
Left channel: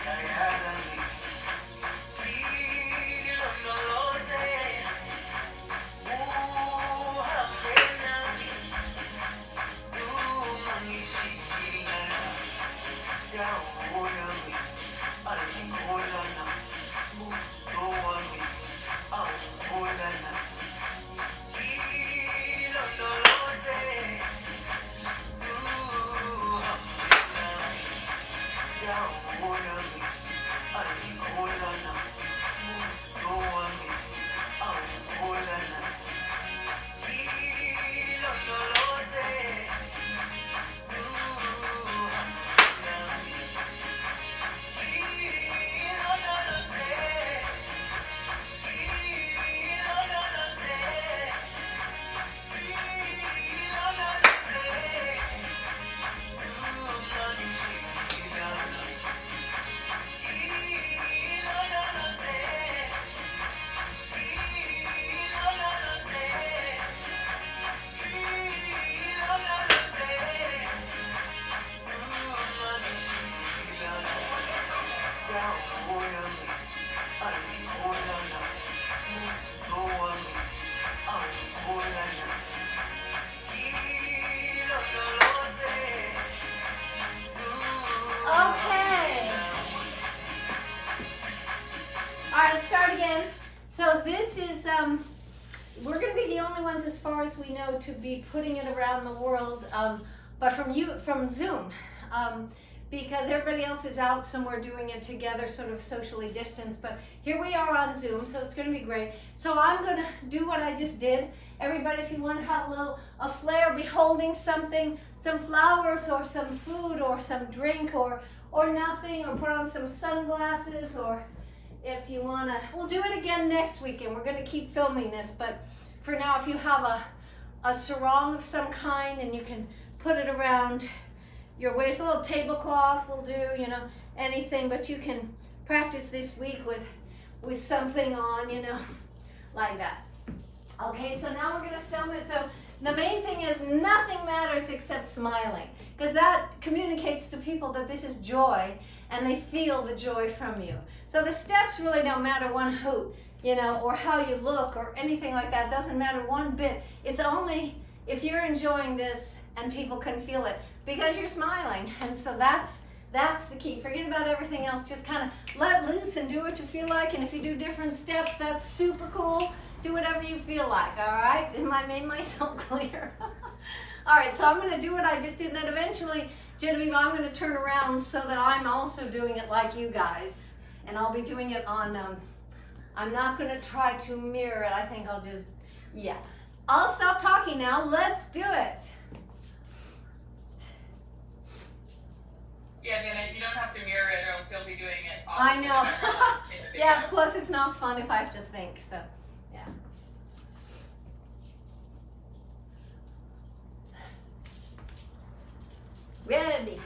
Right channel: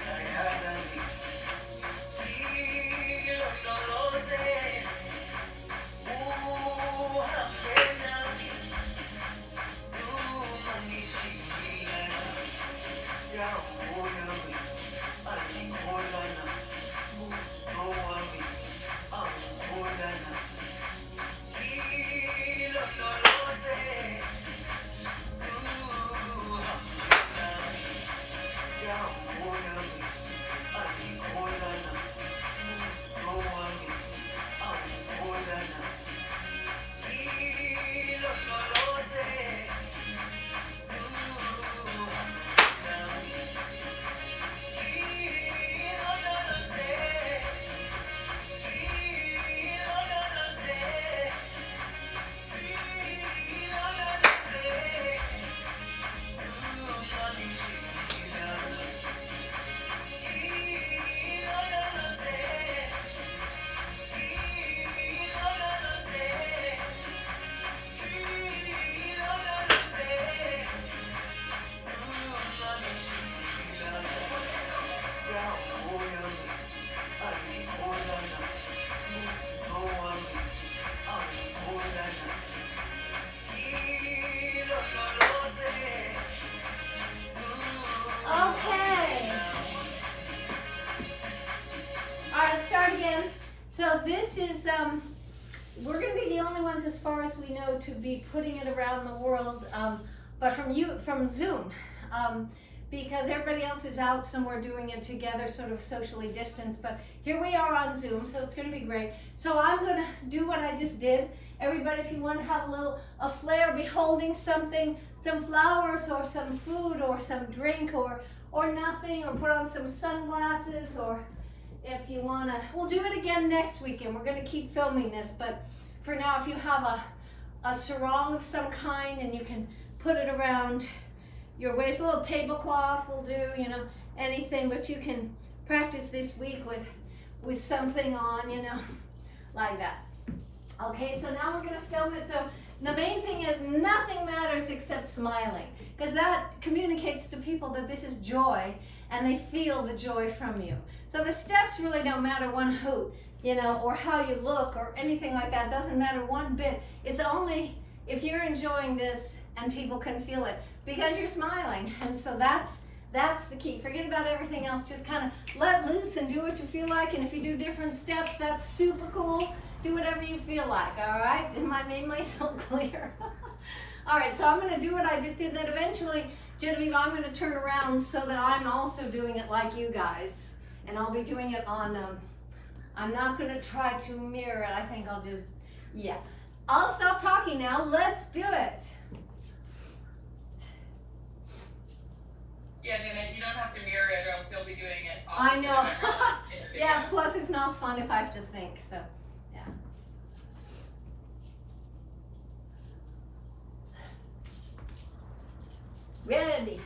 I So this is, we're going to be the only ones as far as we know to be putting it around the world, but from Zoom, because everybody else is out somewhere doing it together, sort of socially distanced, but here we are on Zoom, so it's going to be great. So I'm going to do what I just did. Everybody, if you want to have a flair, be holding something, some flowers or some food or some drink or nothing, or put on some sunglasses, or if you want to, we'll do it again next weekend. We're going to keep filming this, but for now, if you have a sarong of some kind and you can put it around your waist, a little tablecloth will do, you know, anything, but you can practice this week with something on, you know, like that. Okay, so now we're going to film it. So the main thing is nothing matters except smiling, because that communicates to people that this is joy and they feel the joy from you. So the steps really don't matter one hoot, you know, or how you look or anything like that. It doesn't matter one bit. It's only if you're enjoying this and people can feel it because you're smiling. And so that's the key. Forget about everything else. Just kind of let loose and do what you feel like. And if you do different steps, that's super cool. Do whatever you feel like, all right? Am I made myself clear? All right, so I'm going to do what I just did. Then eventually, Genevieve, I'm going to turn around so that I'm also doing it like you guys. And I'll be doing it on, I'm not going to try to mirror it. I think I'll just, yeah. I'll stop talking now. Let's do it. Yeah, then you don't have to mirror it, or else you'll be doing it. I know. Yeah, Yeah. plus it's not fun if I have to think, so, yeah. Ready.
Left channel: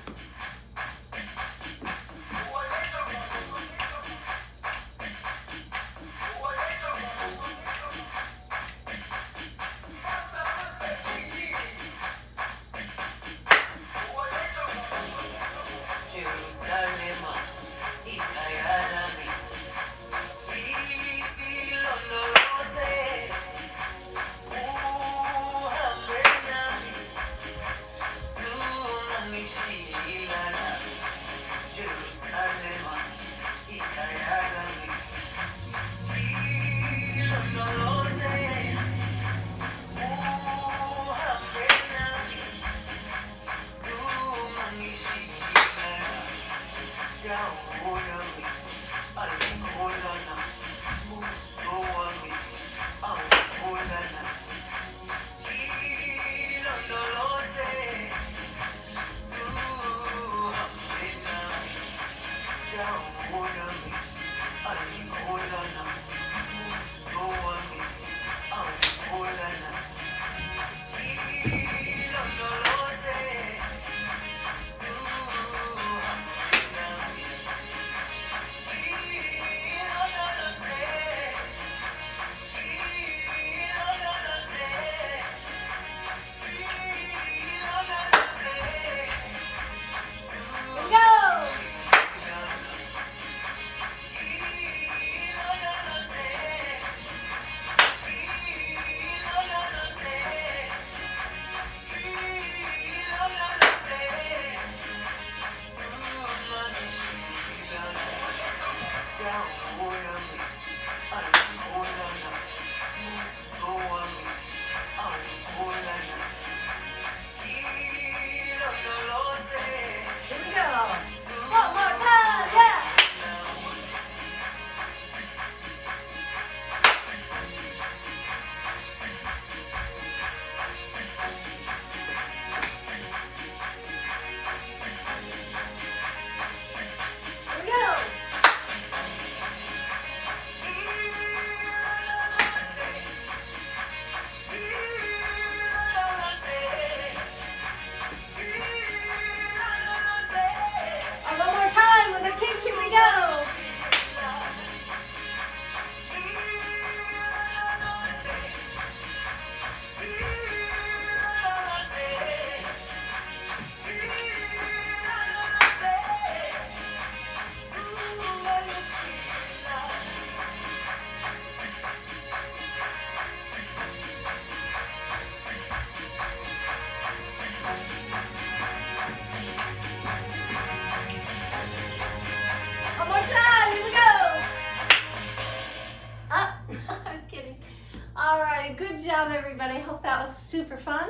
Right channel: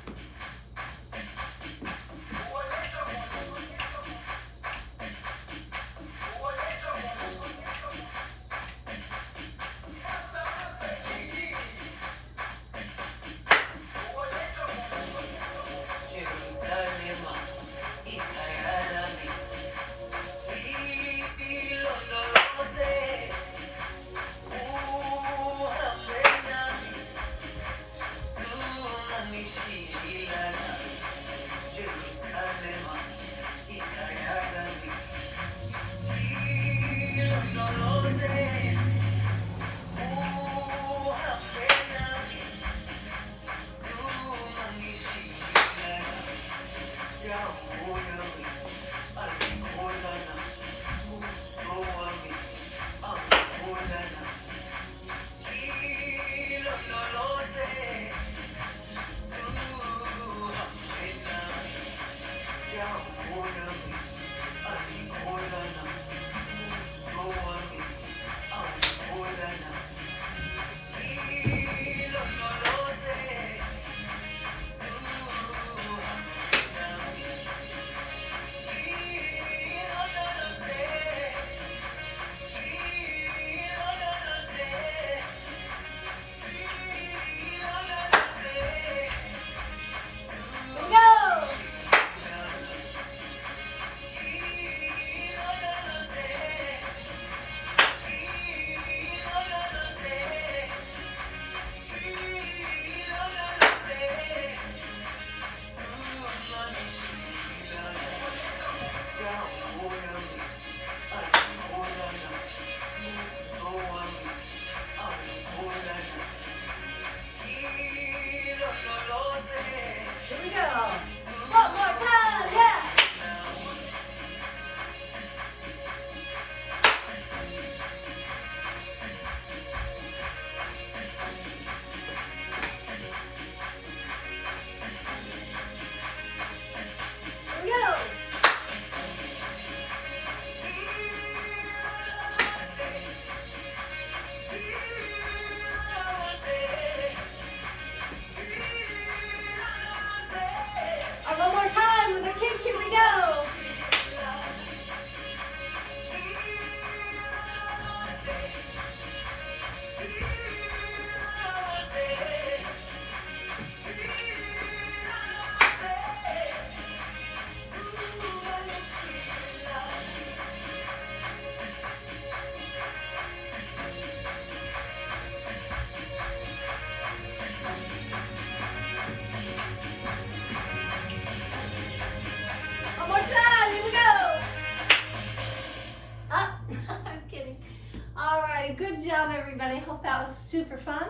right, good job everybody. Hope that was super fun.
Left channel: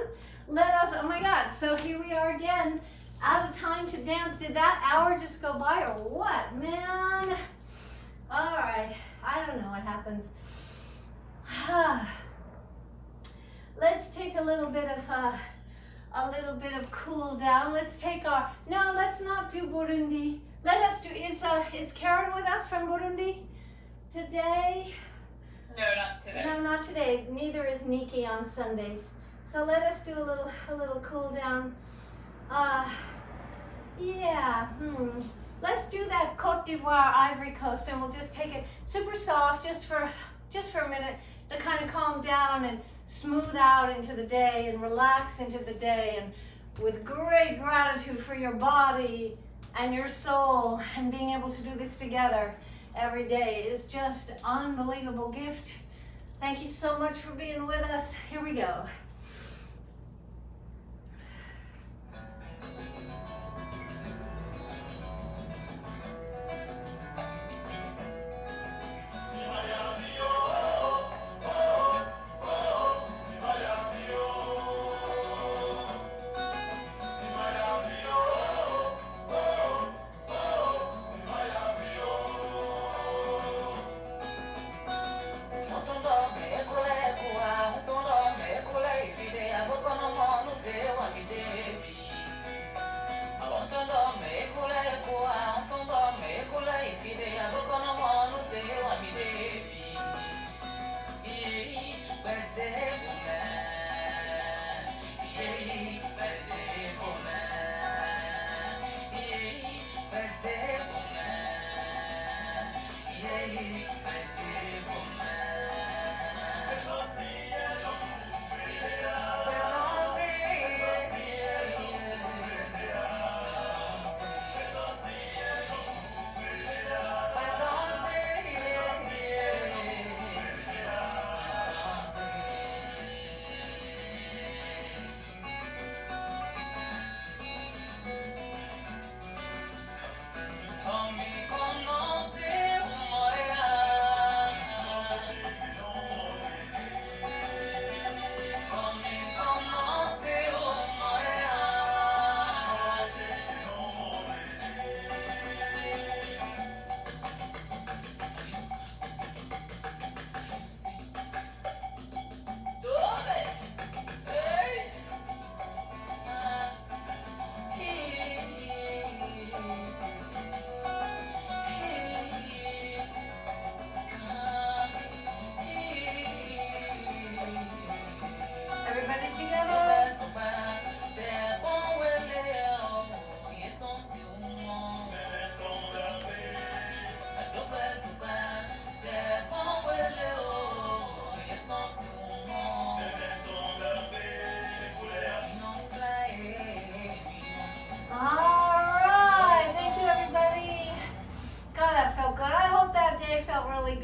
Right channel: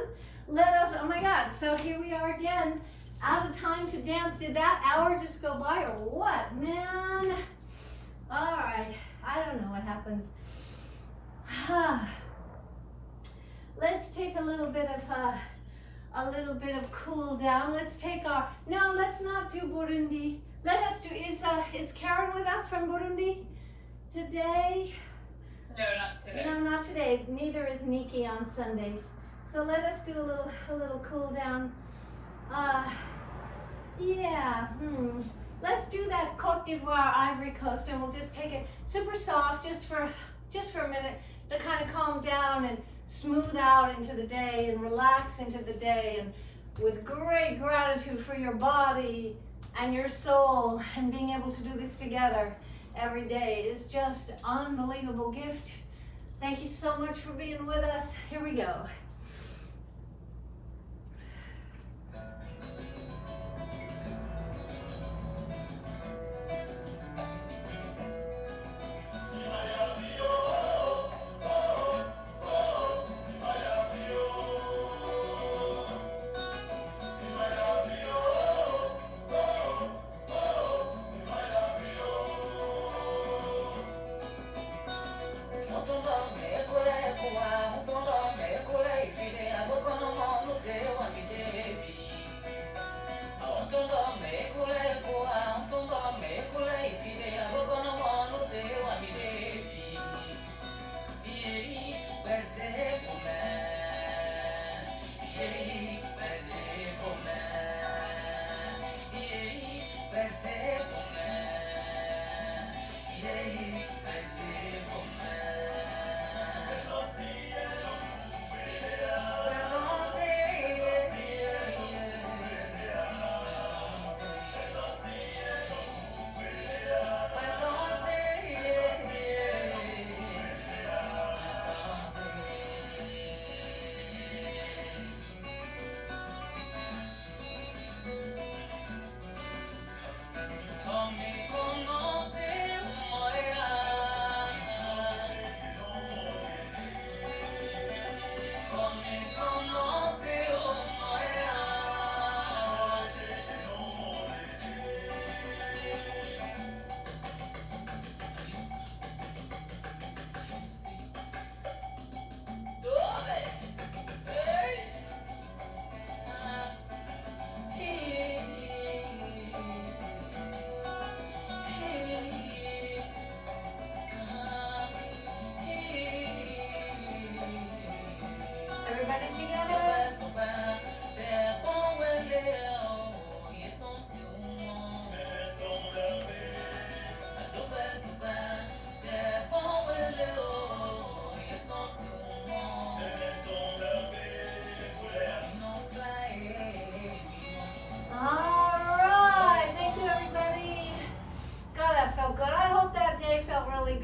Let us, oh my God, so here we are again. Out of time to dance. Did that hour just go by or what, man? All right, I don't know what happens. Let's take a little bit of cool down. Let's take our, no, let's not do Burundi. Let us do, is Karen with us from Burundi today? No, not today. No, not today. Neither is Nikki on Sundays. So let us do a little cool down. Yeah. Let's do that Côte d'Ivoire, Ivory Coast, and we'll just take it super soft, just for a minute, to kind of calm down and smooth out into the day and relax into the day, and with great gratitude for your body and your soul, and being able to do this together every day is just an unbelievable gift. Thank you so much for being with us. Here we go.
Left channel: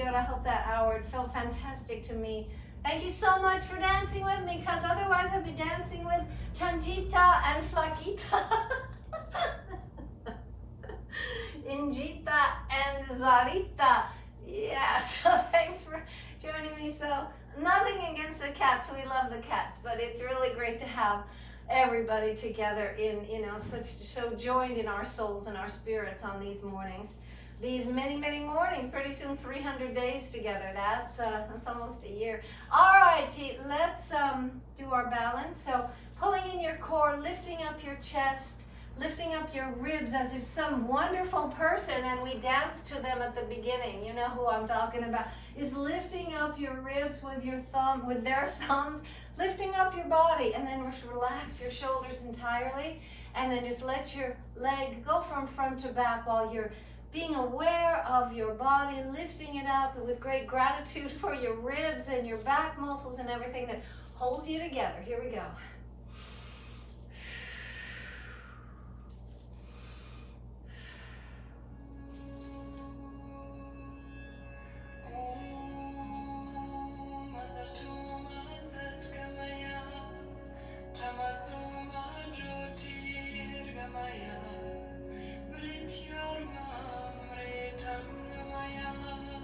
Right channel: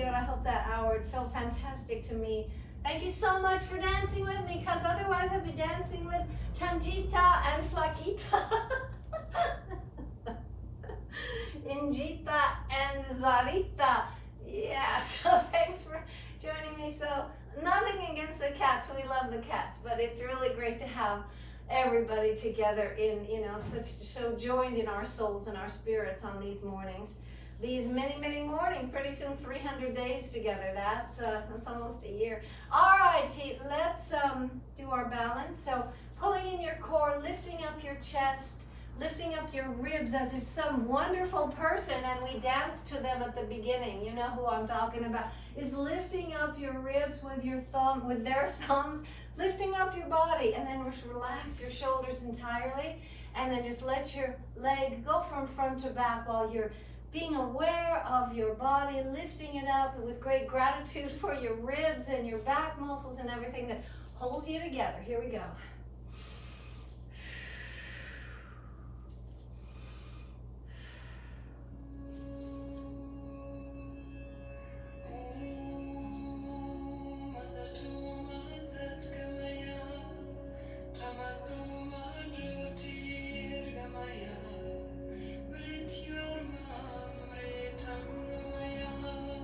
I hope that hour felt fantastic to me. Thank you so much for dancing with me, because otherwise I'd be dancing with Chantita and Flaquita. Injita and Zarita. Yeah, so thanks for joining me. So nothing against the cats, we love the cats, but it's really great to have everybody together in, so joined in our souls and our spirits on these mornings. These many, many mornings, pretty soon 300 days together. That's almost a year. All righty, let's do our balance. So pulling in your core, lifting up your chest, lifting up your ribs as if some wonderful person, and we danced to them at the beginning, you know who I'm talking about, is lifting up your ribs with their thumbs, lifting up your body, and then just relax your shoulders entirely, and then just let your leg go from front to back while you're being aware of your body, lifting it up with great gratitude for your ribs and your back muscles and everything that holds you together. Here we go.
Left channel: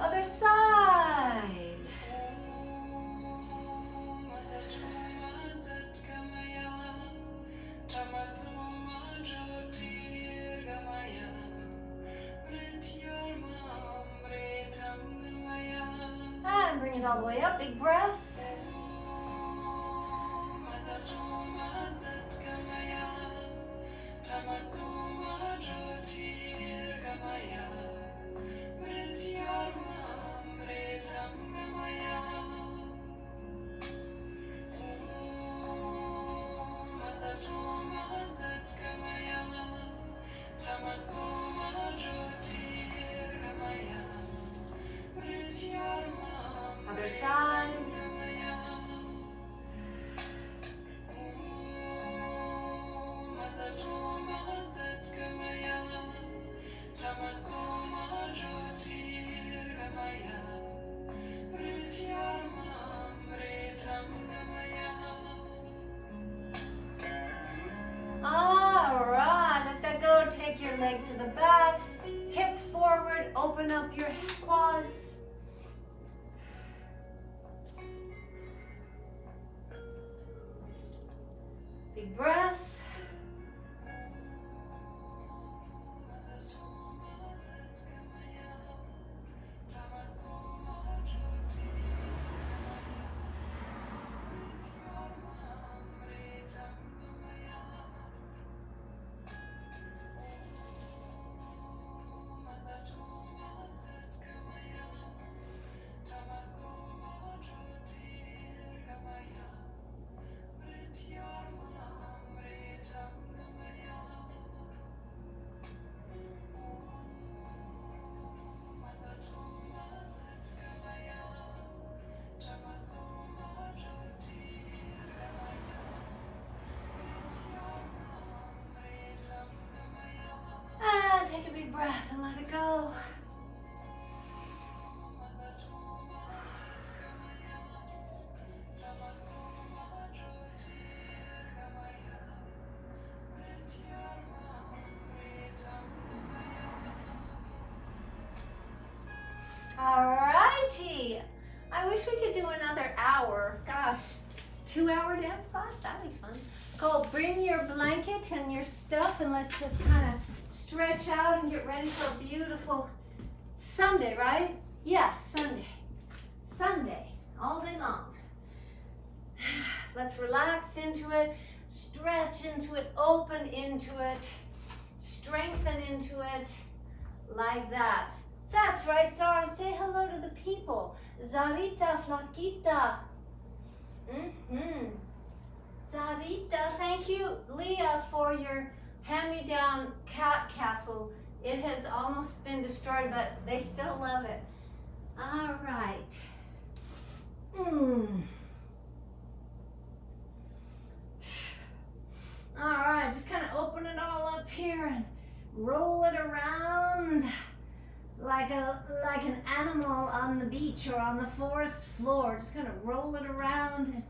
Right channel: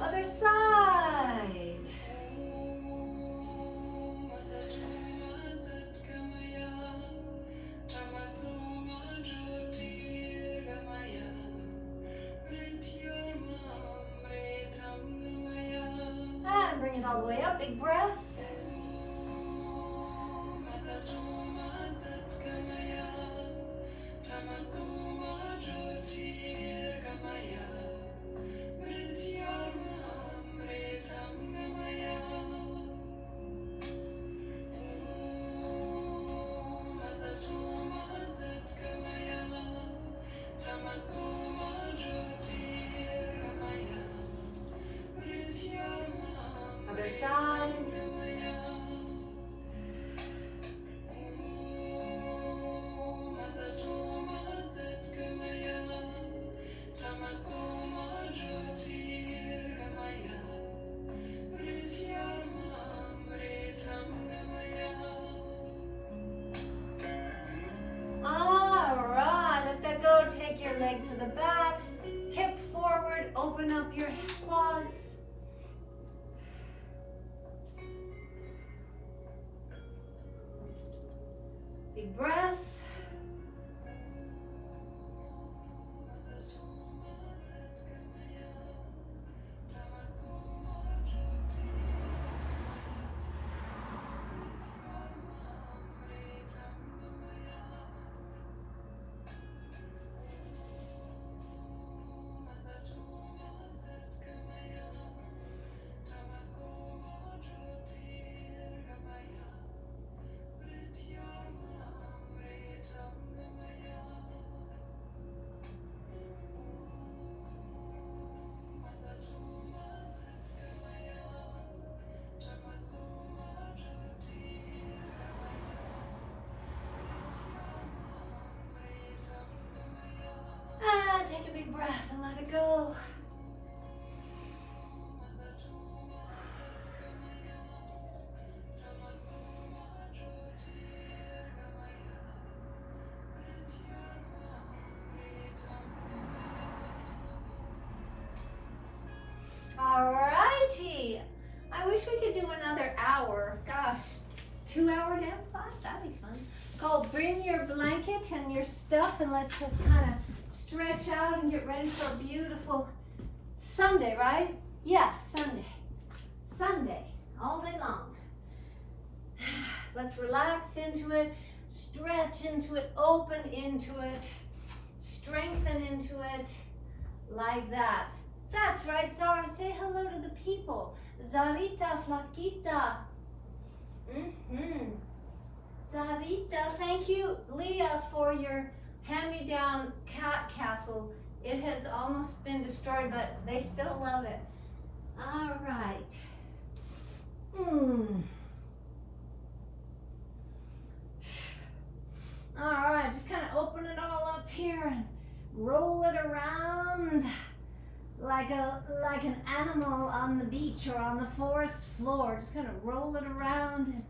Other side. all the way up. Big breath. Other side. All right, let that go. Take your leg to the back, hip forward, open up your quads. Big breath. And take a big breath and let it go. Alrighty. I wish we could do another hour. Gosh, 2-hour dance class? That'd be fun. Go bring your blanket and your stuff and let's just kind of stretch out and get ready for a beautiful Sunday, right? Yeah, Sunday. Sunday, all day long. Let's relax into it, stretch into it, open into it, strengthen into it, like that. That's right, Zara. Say hello to the people. Zarita, Flaquita. Zarita, thank you, Leah, for your hand-me-down cat castle. It has almost been destroyed, but they still love it. All right. All right, just kind of open it all up here and roll it around like an animal on the beach or on the forest floor. Just kind of roll it around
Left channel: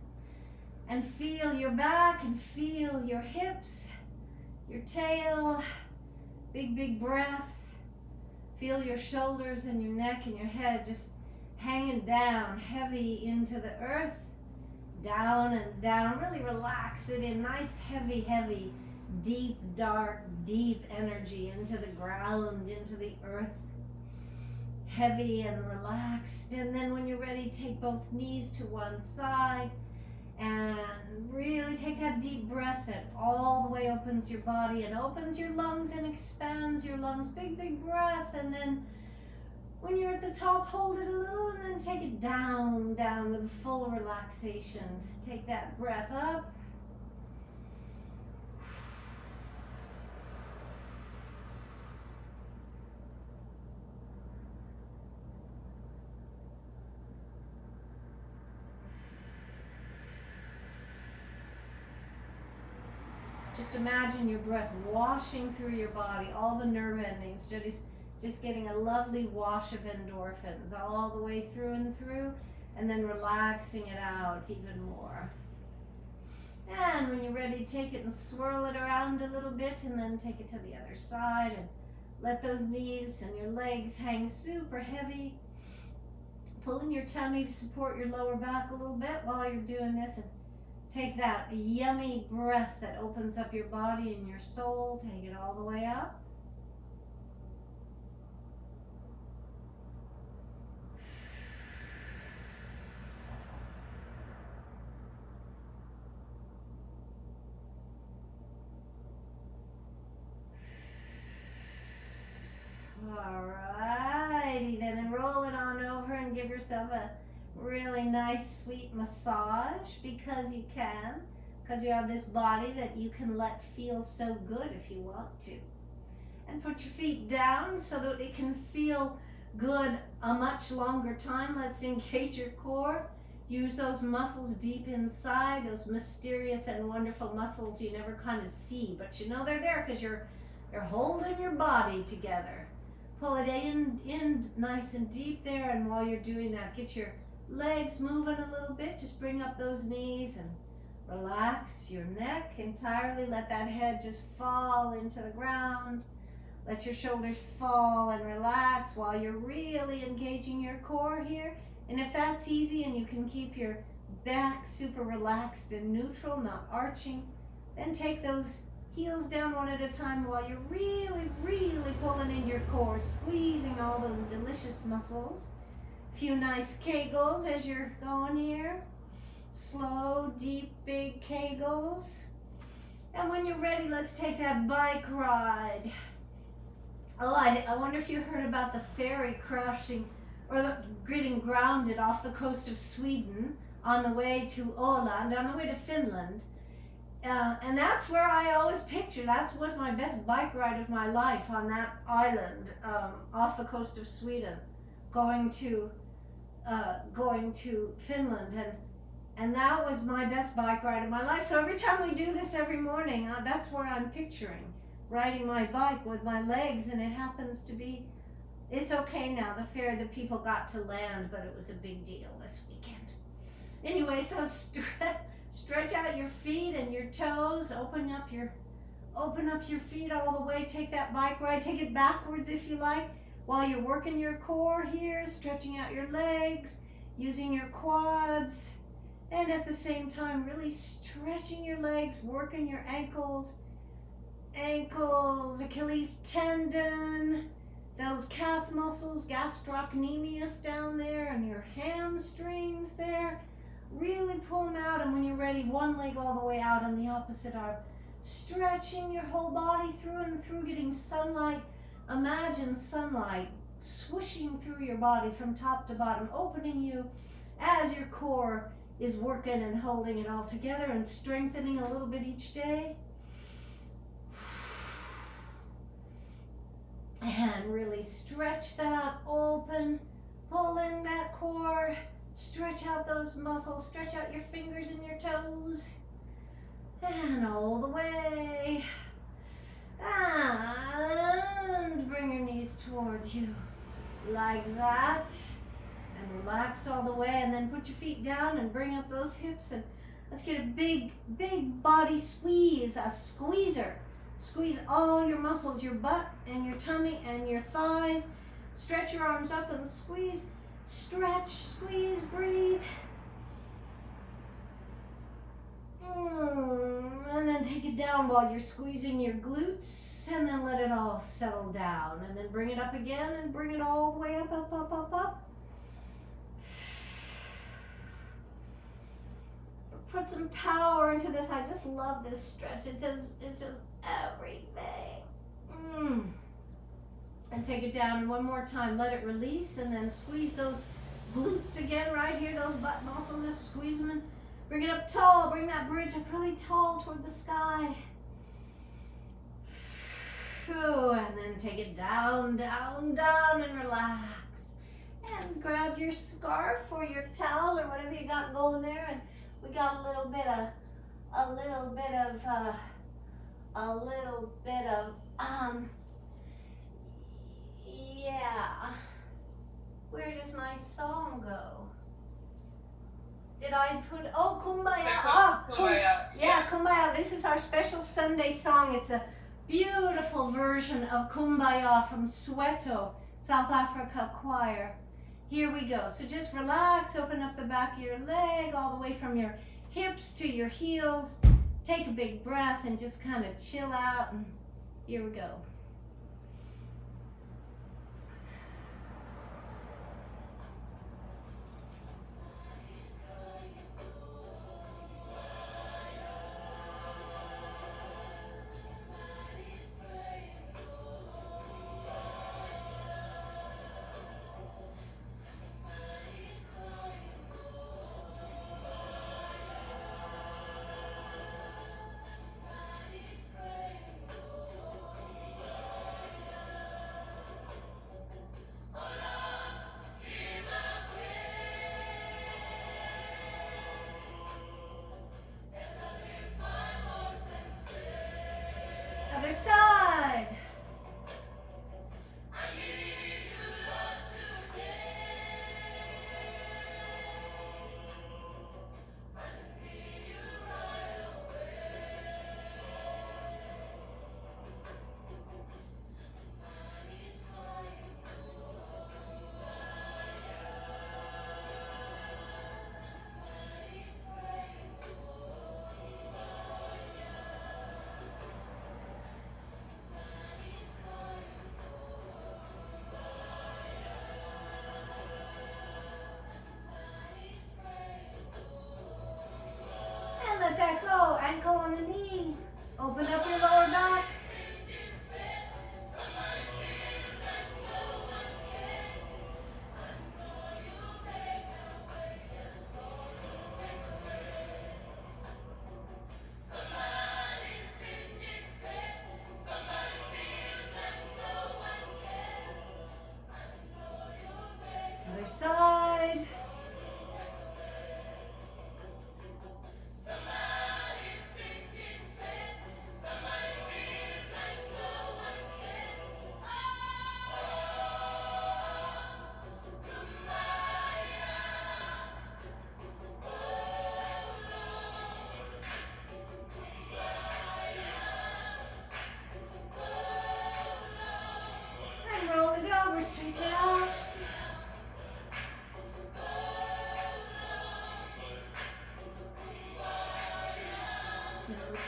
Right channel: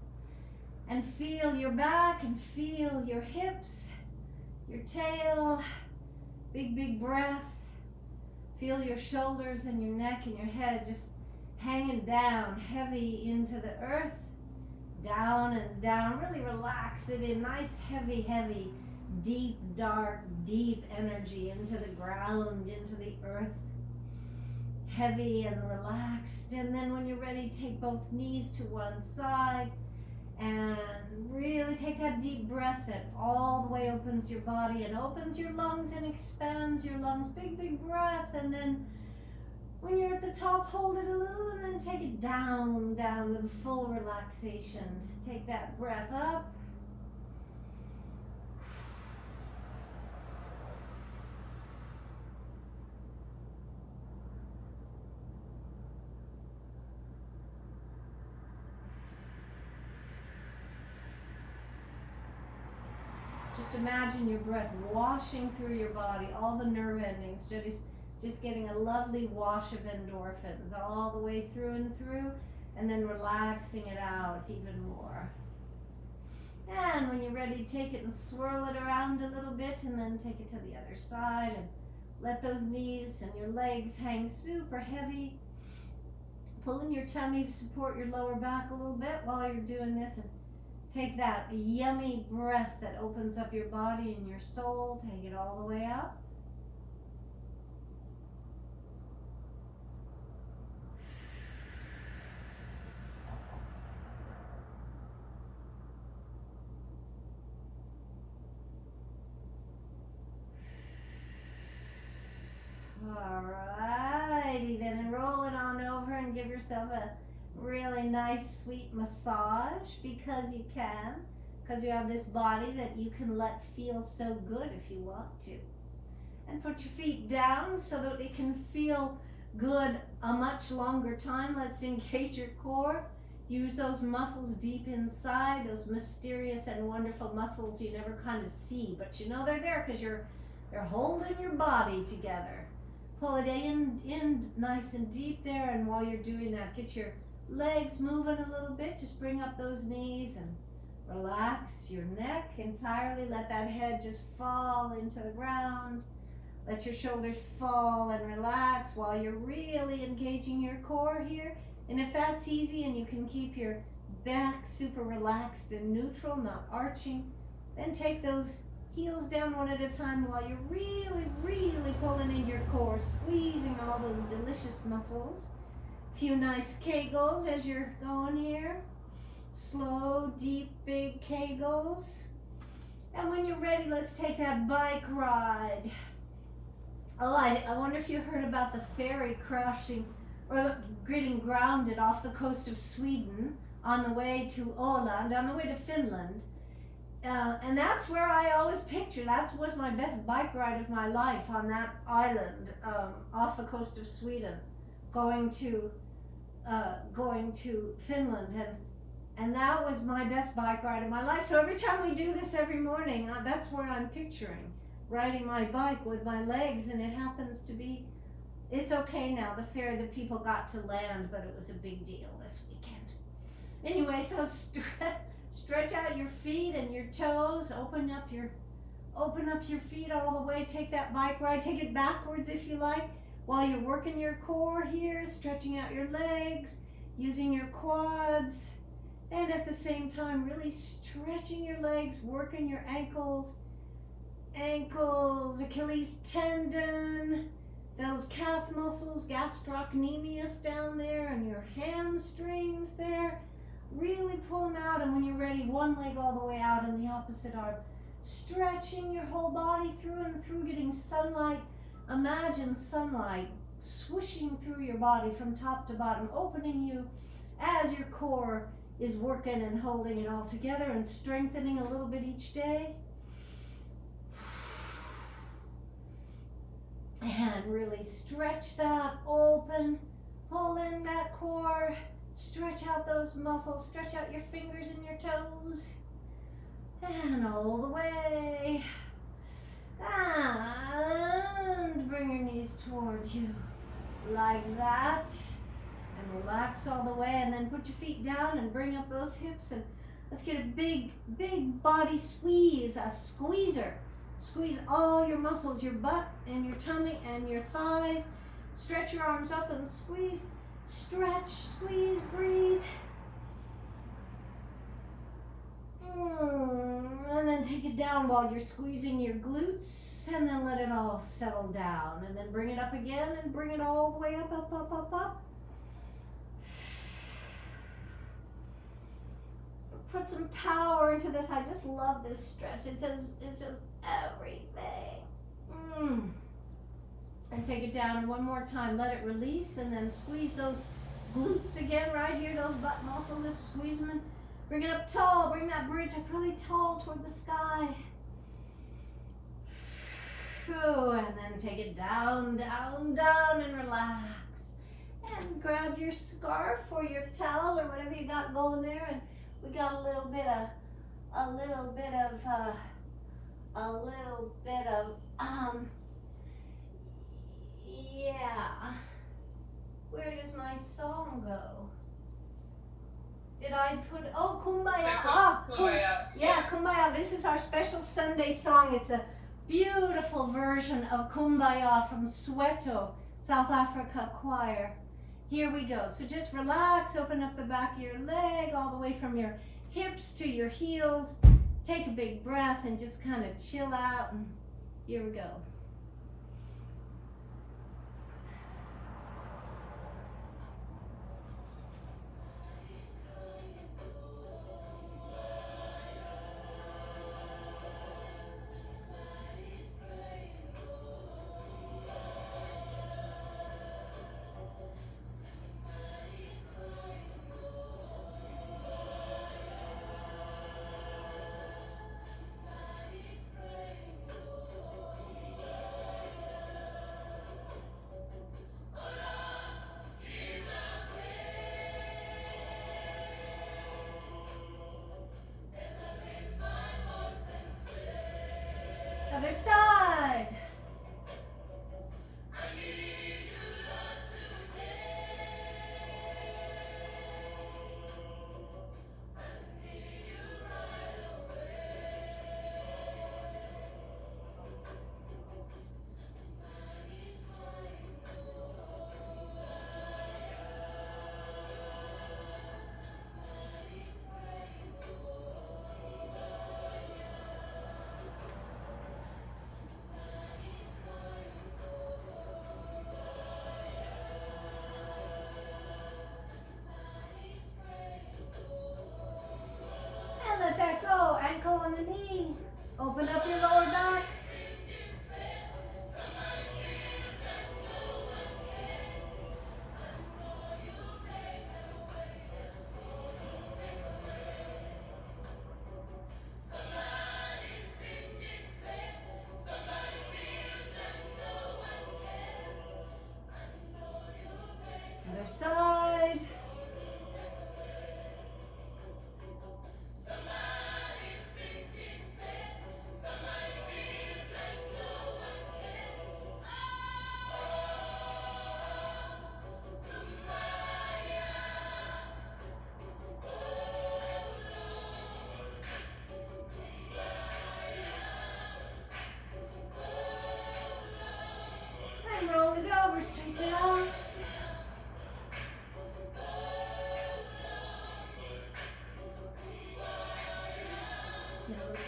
and feel your back and feel your hips, your tail. Big breath. Feel your shoulders and your neck and your head just hanging down, heavy into the earth. Down and down. Really relax it in. Nice, heavy, deep, dark, deep energy into the ground, into the earth. Heavy and relaxed. And then when you're ready, take both knees to one side and really take that deep breath that all the way opens your body and opens your lungs and expands your lungs. Big breath. And then when you're at the top, hold it a little and then take it down with full relaxation. Take that breath up. Just imagine your breath washing through your body, all the nerve endings, just getting a lovely wash of endorphins all the way through and then relaxing it out even more. And when you're ready, take it and swirl it around a little bit and then take it to the other side and let those knees and your legs hang super heavy. Pull in your tummy to support your lower back a little bit while you're doing this, and take that yummy breath that opens up your body and your soul. Take it all the way up. give yourself a really nice, sweet massage because you can, because you have this body that you can let feel so good if you want to. And put your feet down so that it can feel good a much longer time. Let's engage your core. Use those muscles deep inside, those mysterious and wonderful muscles you never kind of see, but you know they're there because you're holding your body together. Pull it in nice and deep there, and while you're doing that, get your legs moving a little bit. Just bring up those knees and relax your neck entirely. Let that head just fall into the ground. Let your shoulders fall and relax while you're really engaging your core here. And if that's easy and you can keep your back super relaxed and neutral, not arching, then take those heels down one at a time while you're really, really pulling in your core, squeezing all those delicious muscles. A few nice kegels as you're going here. Slow, deep, big kegels. And when you're ready, let's take that bike ride. Oh, I wonder if you heard about the ferry crashing or getting grounded off the coast of Sweden on the way to Åland, on the way to Finland. And that's where I always picture, that was my best bike ride of my life, on that island off the coast of Sweden, going to Finland. And that was my best bike ride of my life. So every time we do this every morning, that's where I'm picturing, riding my bike with my legs, and it happens to be, it's okay now, the people got to land, but it was a big deal this weekend. Anyway, so stretch out your feet and your toes, open up your feet all the way, take that bike ride, take it backwards if you like, while you're working your core here, stretching out your legs, using your quads, and at the same time really stretching your legs, working your ankles, Achilles tendon, those calf muscles, gastrocnemius down there, and your hamstrings there. Really pull them out, and when you're ready, one leg all the way out and the opposite arm. Stretching your whole body through and through, getting sunlight. Imagine sunlight swooshing through your body from top to bottom, opening you as your core is working and holding it all together and strengthening a little bit each day. And really stretch that open, pull in that core, stretch out those muscles, stretch out your fingers and your toes, and all the way, and bring your knees towards you, like that, and relax all the way, and then put your feet down and bring up those hips, and let's get a big body squeeze, a squeezer. Squeeze all your muscles, your butt and your tummy and your thighs. Stretch your arms up and squeeze. Stretch, squeeze, breathe. And then take it down while you're squeezing your glutes, and then let it all settle down. And then bring it up again and bring it all the way up, up, up, up, up. Put some power into this. I just love this stretch. It's just everything. And take it down one more time. Let it release, and then squeeze those glutes again right here, those butt muscles. Just squeeze them and bring it up tall. Bring that bridge up really tall toward the sky. And then take it down, down, down, and relax. And grab your scarf or your towel or whatever you got going there, and we got a little bit of yeah. Where does my song go? Did I put, Kumbaya. Yeah, Kumbaya. This is our special Sunday song. It's a beautiful version of Kumbaya from Soweto, South Africa choir. Here we go. So just relax, open up the back of your leg all the way from your hips to your heels. Take a big breath and just kind of chill out. And here we go.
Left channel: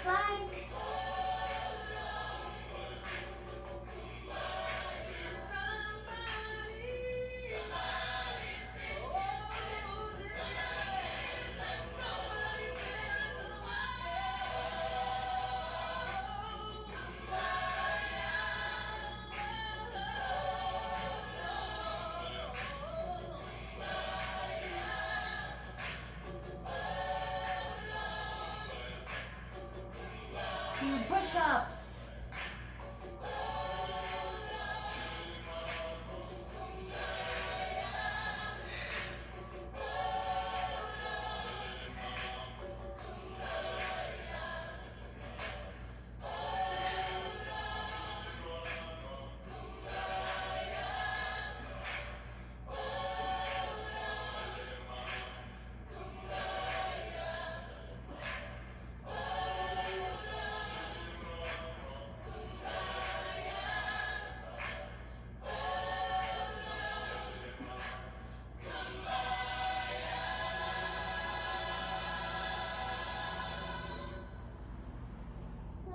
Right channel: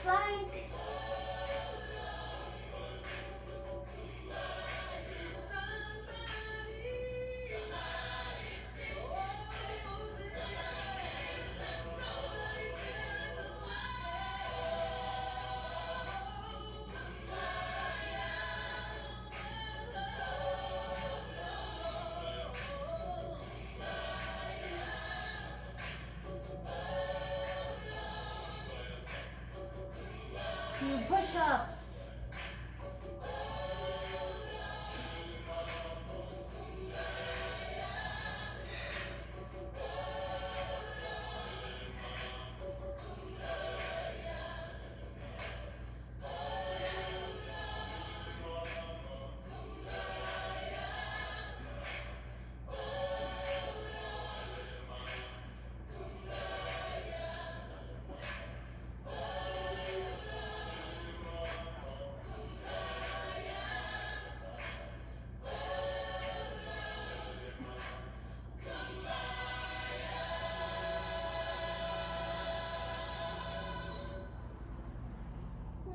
plank. Few push-ups.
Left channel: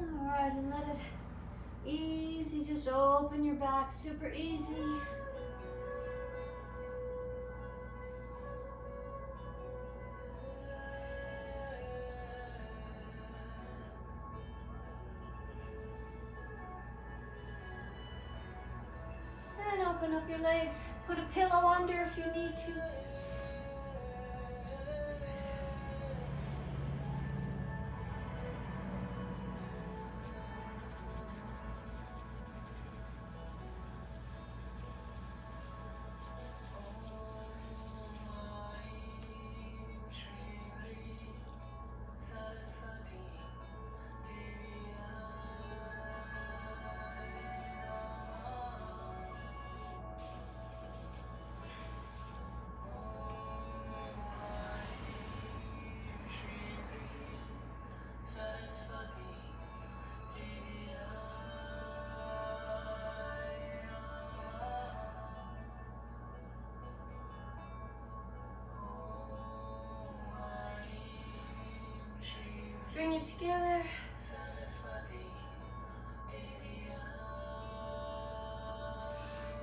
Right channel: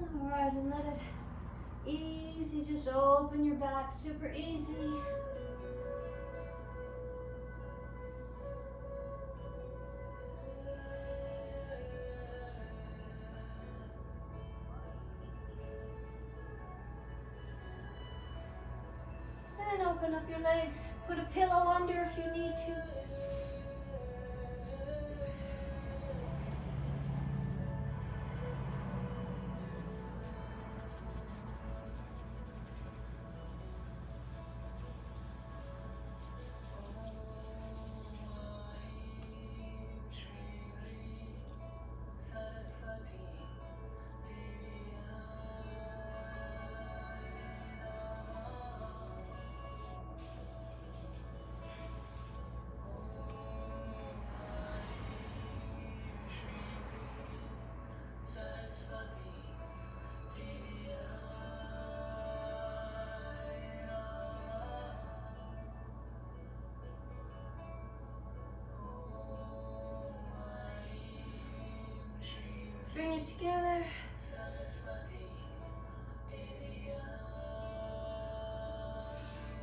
All right, and let it easy, just open your back, super easy. And open up your legs. Put a pillow under if you need to. Bring it together.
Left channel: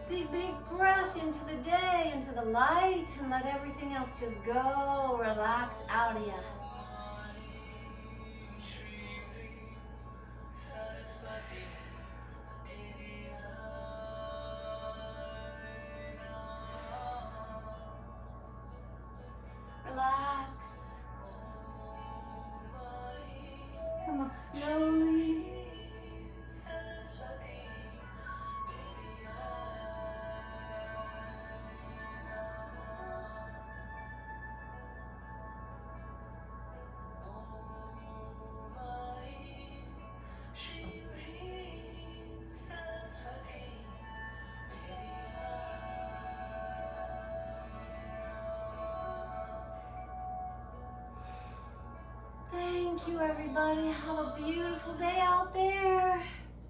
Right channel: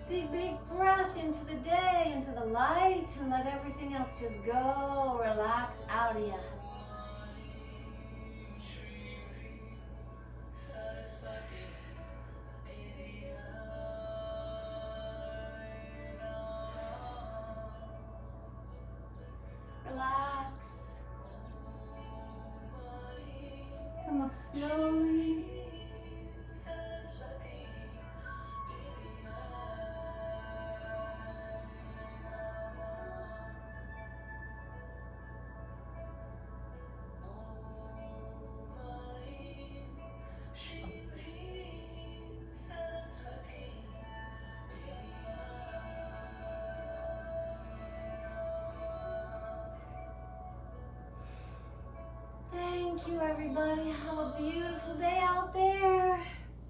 Big, big breath into the day, into the light, and let everything else just go, relax out of you. Relax. Come up slowly. Thank you, everybody. Have a beautiful day out there.